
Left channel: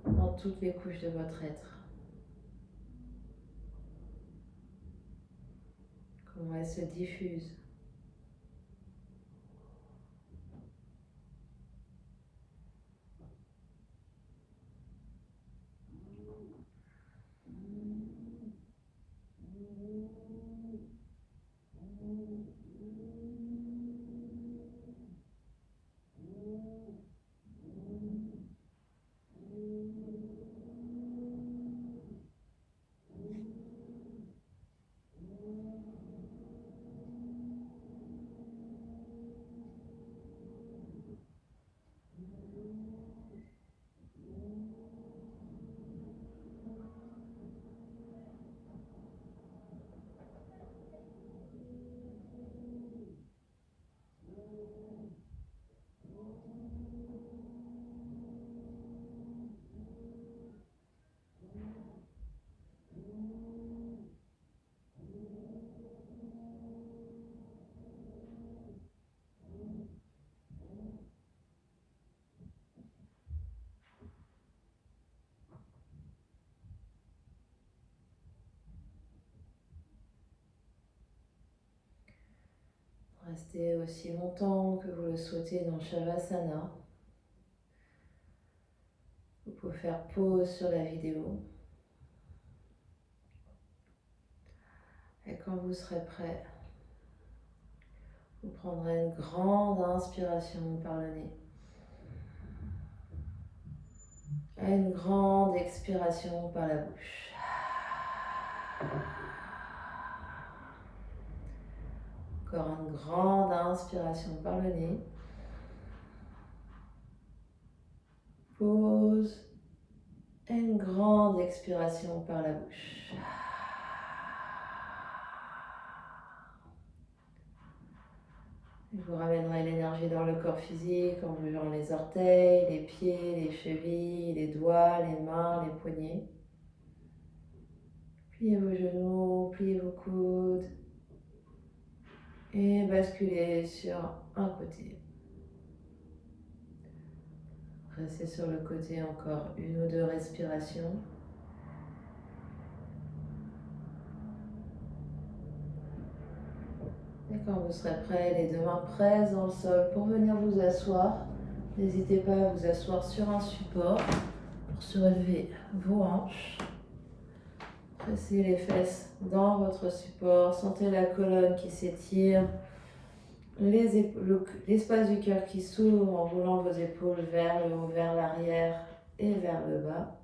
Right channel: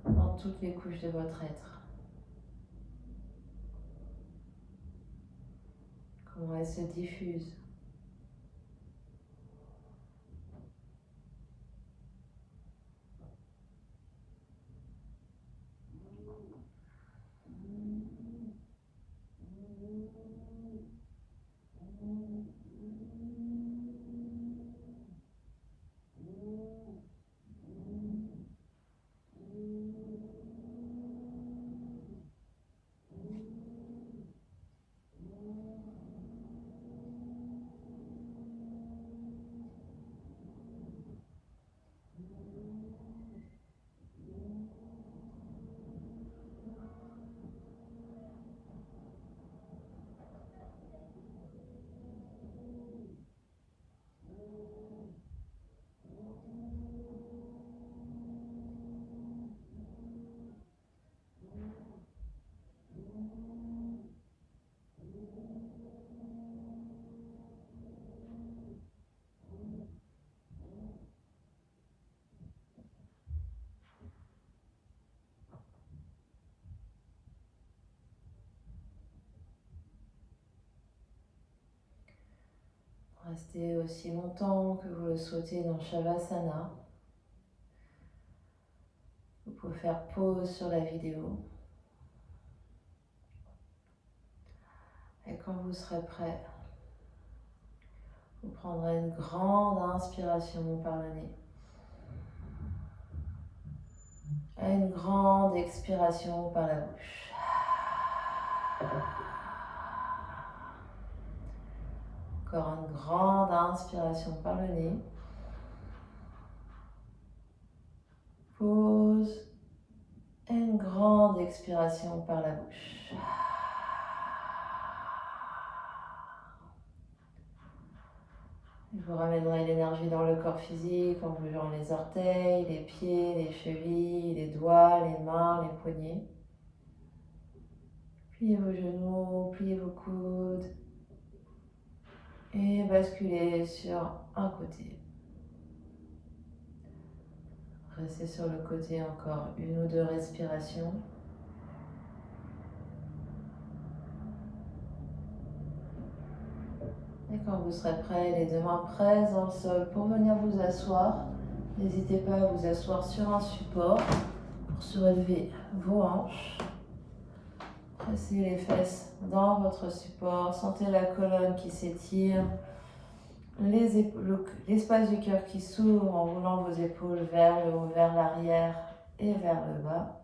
dans toutes les couches de votre être. Comment elles se diffusent. Restez aussi longtemps que vous le souhaitez dans Shavasana. Vous pouvez faire pause sur la vidéo. Et quand vous serez prêt, vous prendrez une grande inspiration par le nez. Et une grande expiration par la bouche. Encore une grande inspiration par le nez. Pause. Et une grande expiration par la bouche. Et vous ramènerez l'énergie dans le corps physique en bougeant les orteils, les pieds, les chevilles, les doigts, les mains, les poignets. Pliez vos genoux, pliez vos coudes. Et basculez sur un côté. Restez sur le côté encore une ou deux respirations. Et quand vous serez prêt, les deux mains presses dans le sol pour venir vous asseoir. N'hésitez pas à vous asseoir sur un support pour surélever vos hanches. Pressez les fesses dans votre support. Sentez la colonne qui s'étire. L'espace du cœur qui s'ouvre en roulant vos épaules vers le haut, vers l'arrière et vers le bas.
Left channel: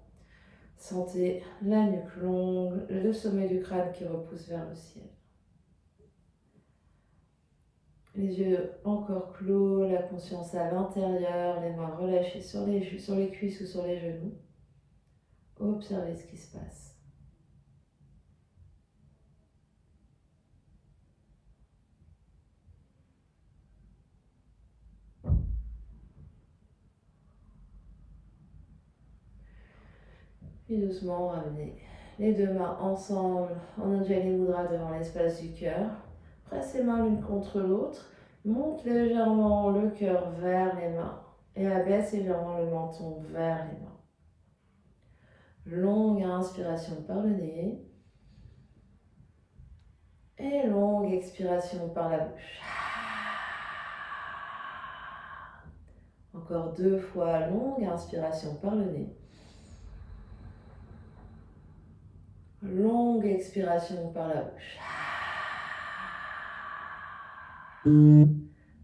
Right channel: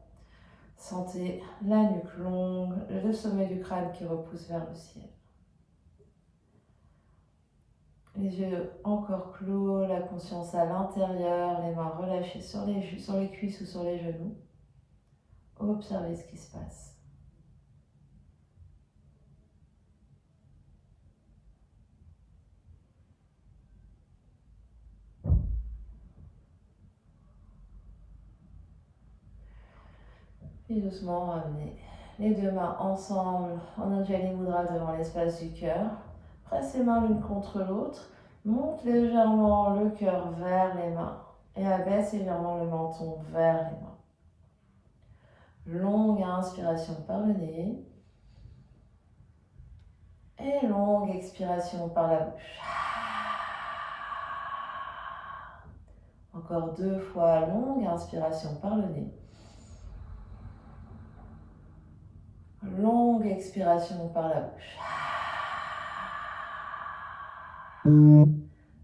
Sentez la nuque longue, le sommet du crâne qui repousse vers le ciel. Les yeux encore clos, la conscience à l'intérieur, les mains relâchées sur les cuisses ou sur les genoux. Observez ce qui se passe. Puis doucement, ramenez les deux mains ensemble en Anjali Mudra devant l'espace du cœur. Presse les mains l'une contre l'autre. Monte légèrement le cœur vers les mains et abaisse légèrement le menton vers les mains. Longue inspiration par le nez et longue expiration par la bouche. Encore 2 fois, longue inspiration par le nez. Longue expiration par la bouche.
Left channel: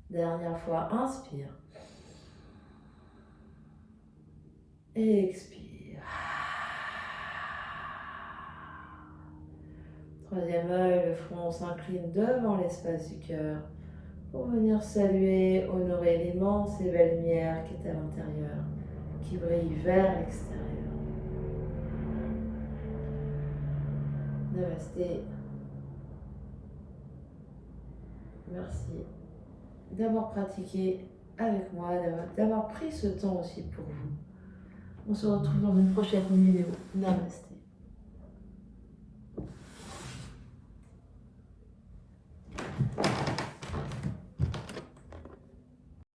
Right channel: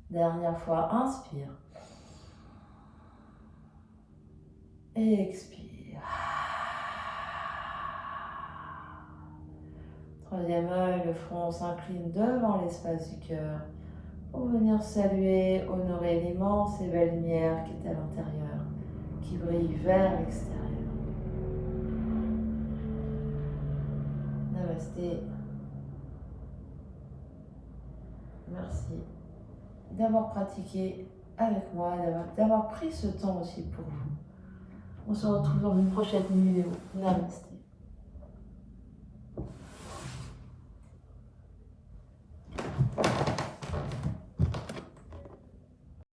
Dernière fois, inspire. Et expire. Troisième œil, le front s'incline devant l'espace du cœur pour venir saluer, honorer l'immense et belle lumière qui est à l'intérieur, qui brille vers l'extérieur. Namasté. Merci d'avoir pratiqué avec moi, d'avoir pris ce temps aussi pour vous. On se retrouve dans une prochaine vidéo. Namasté.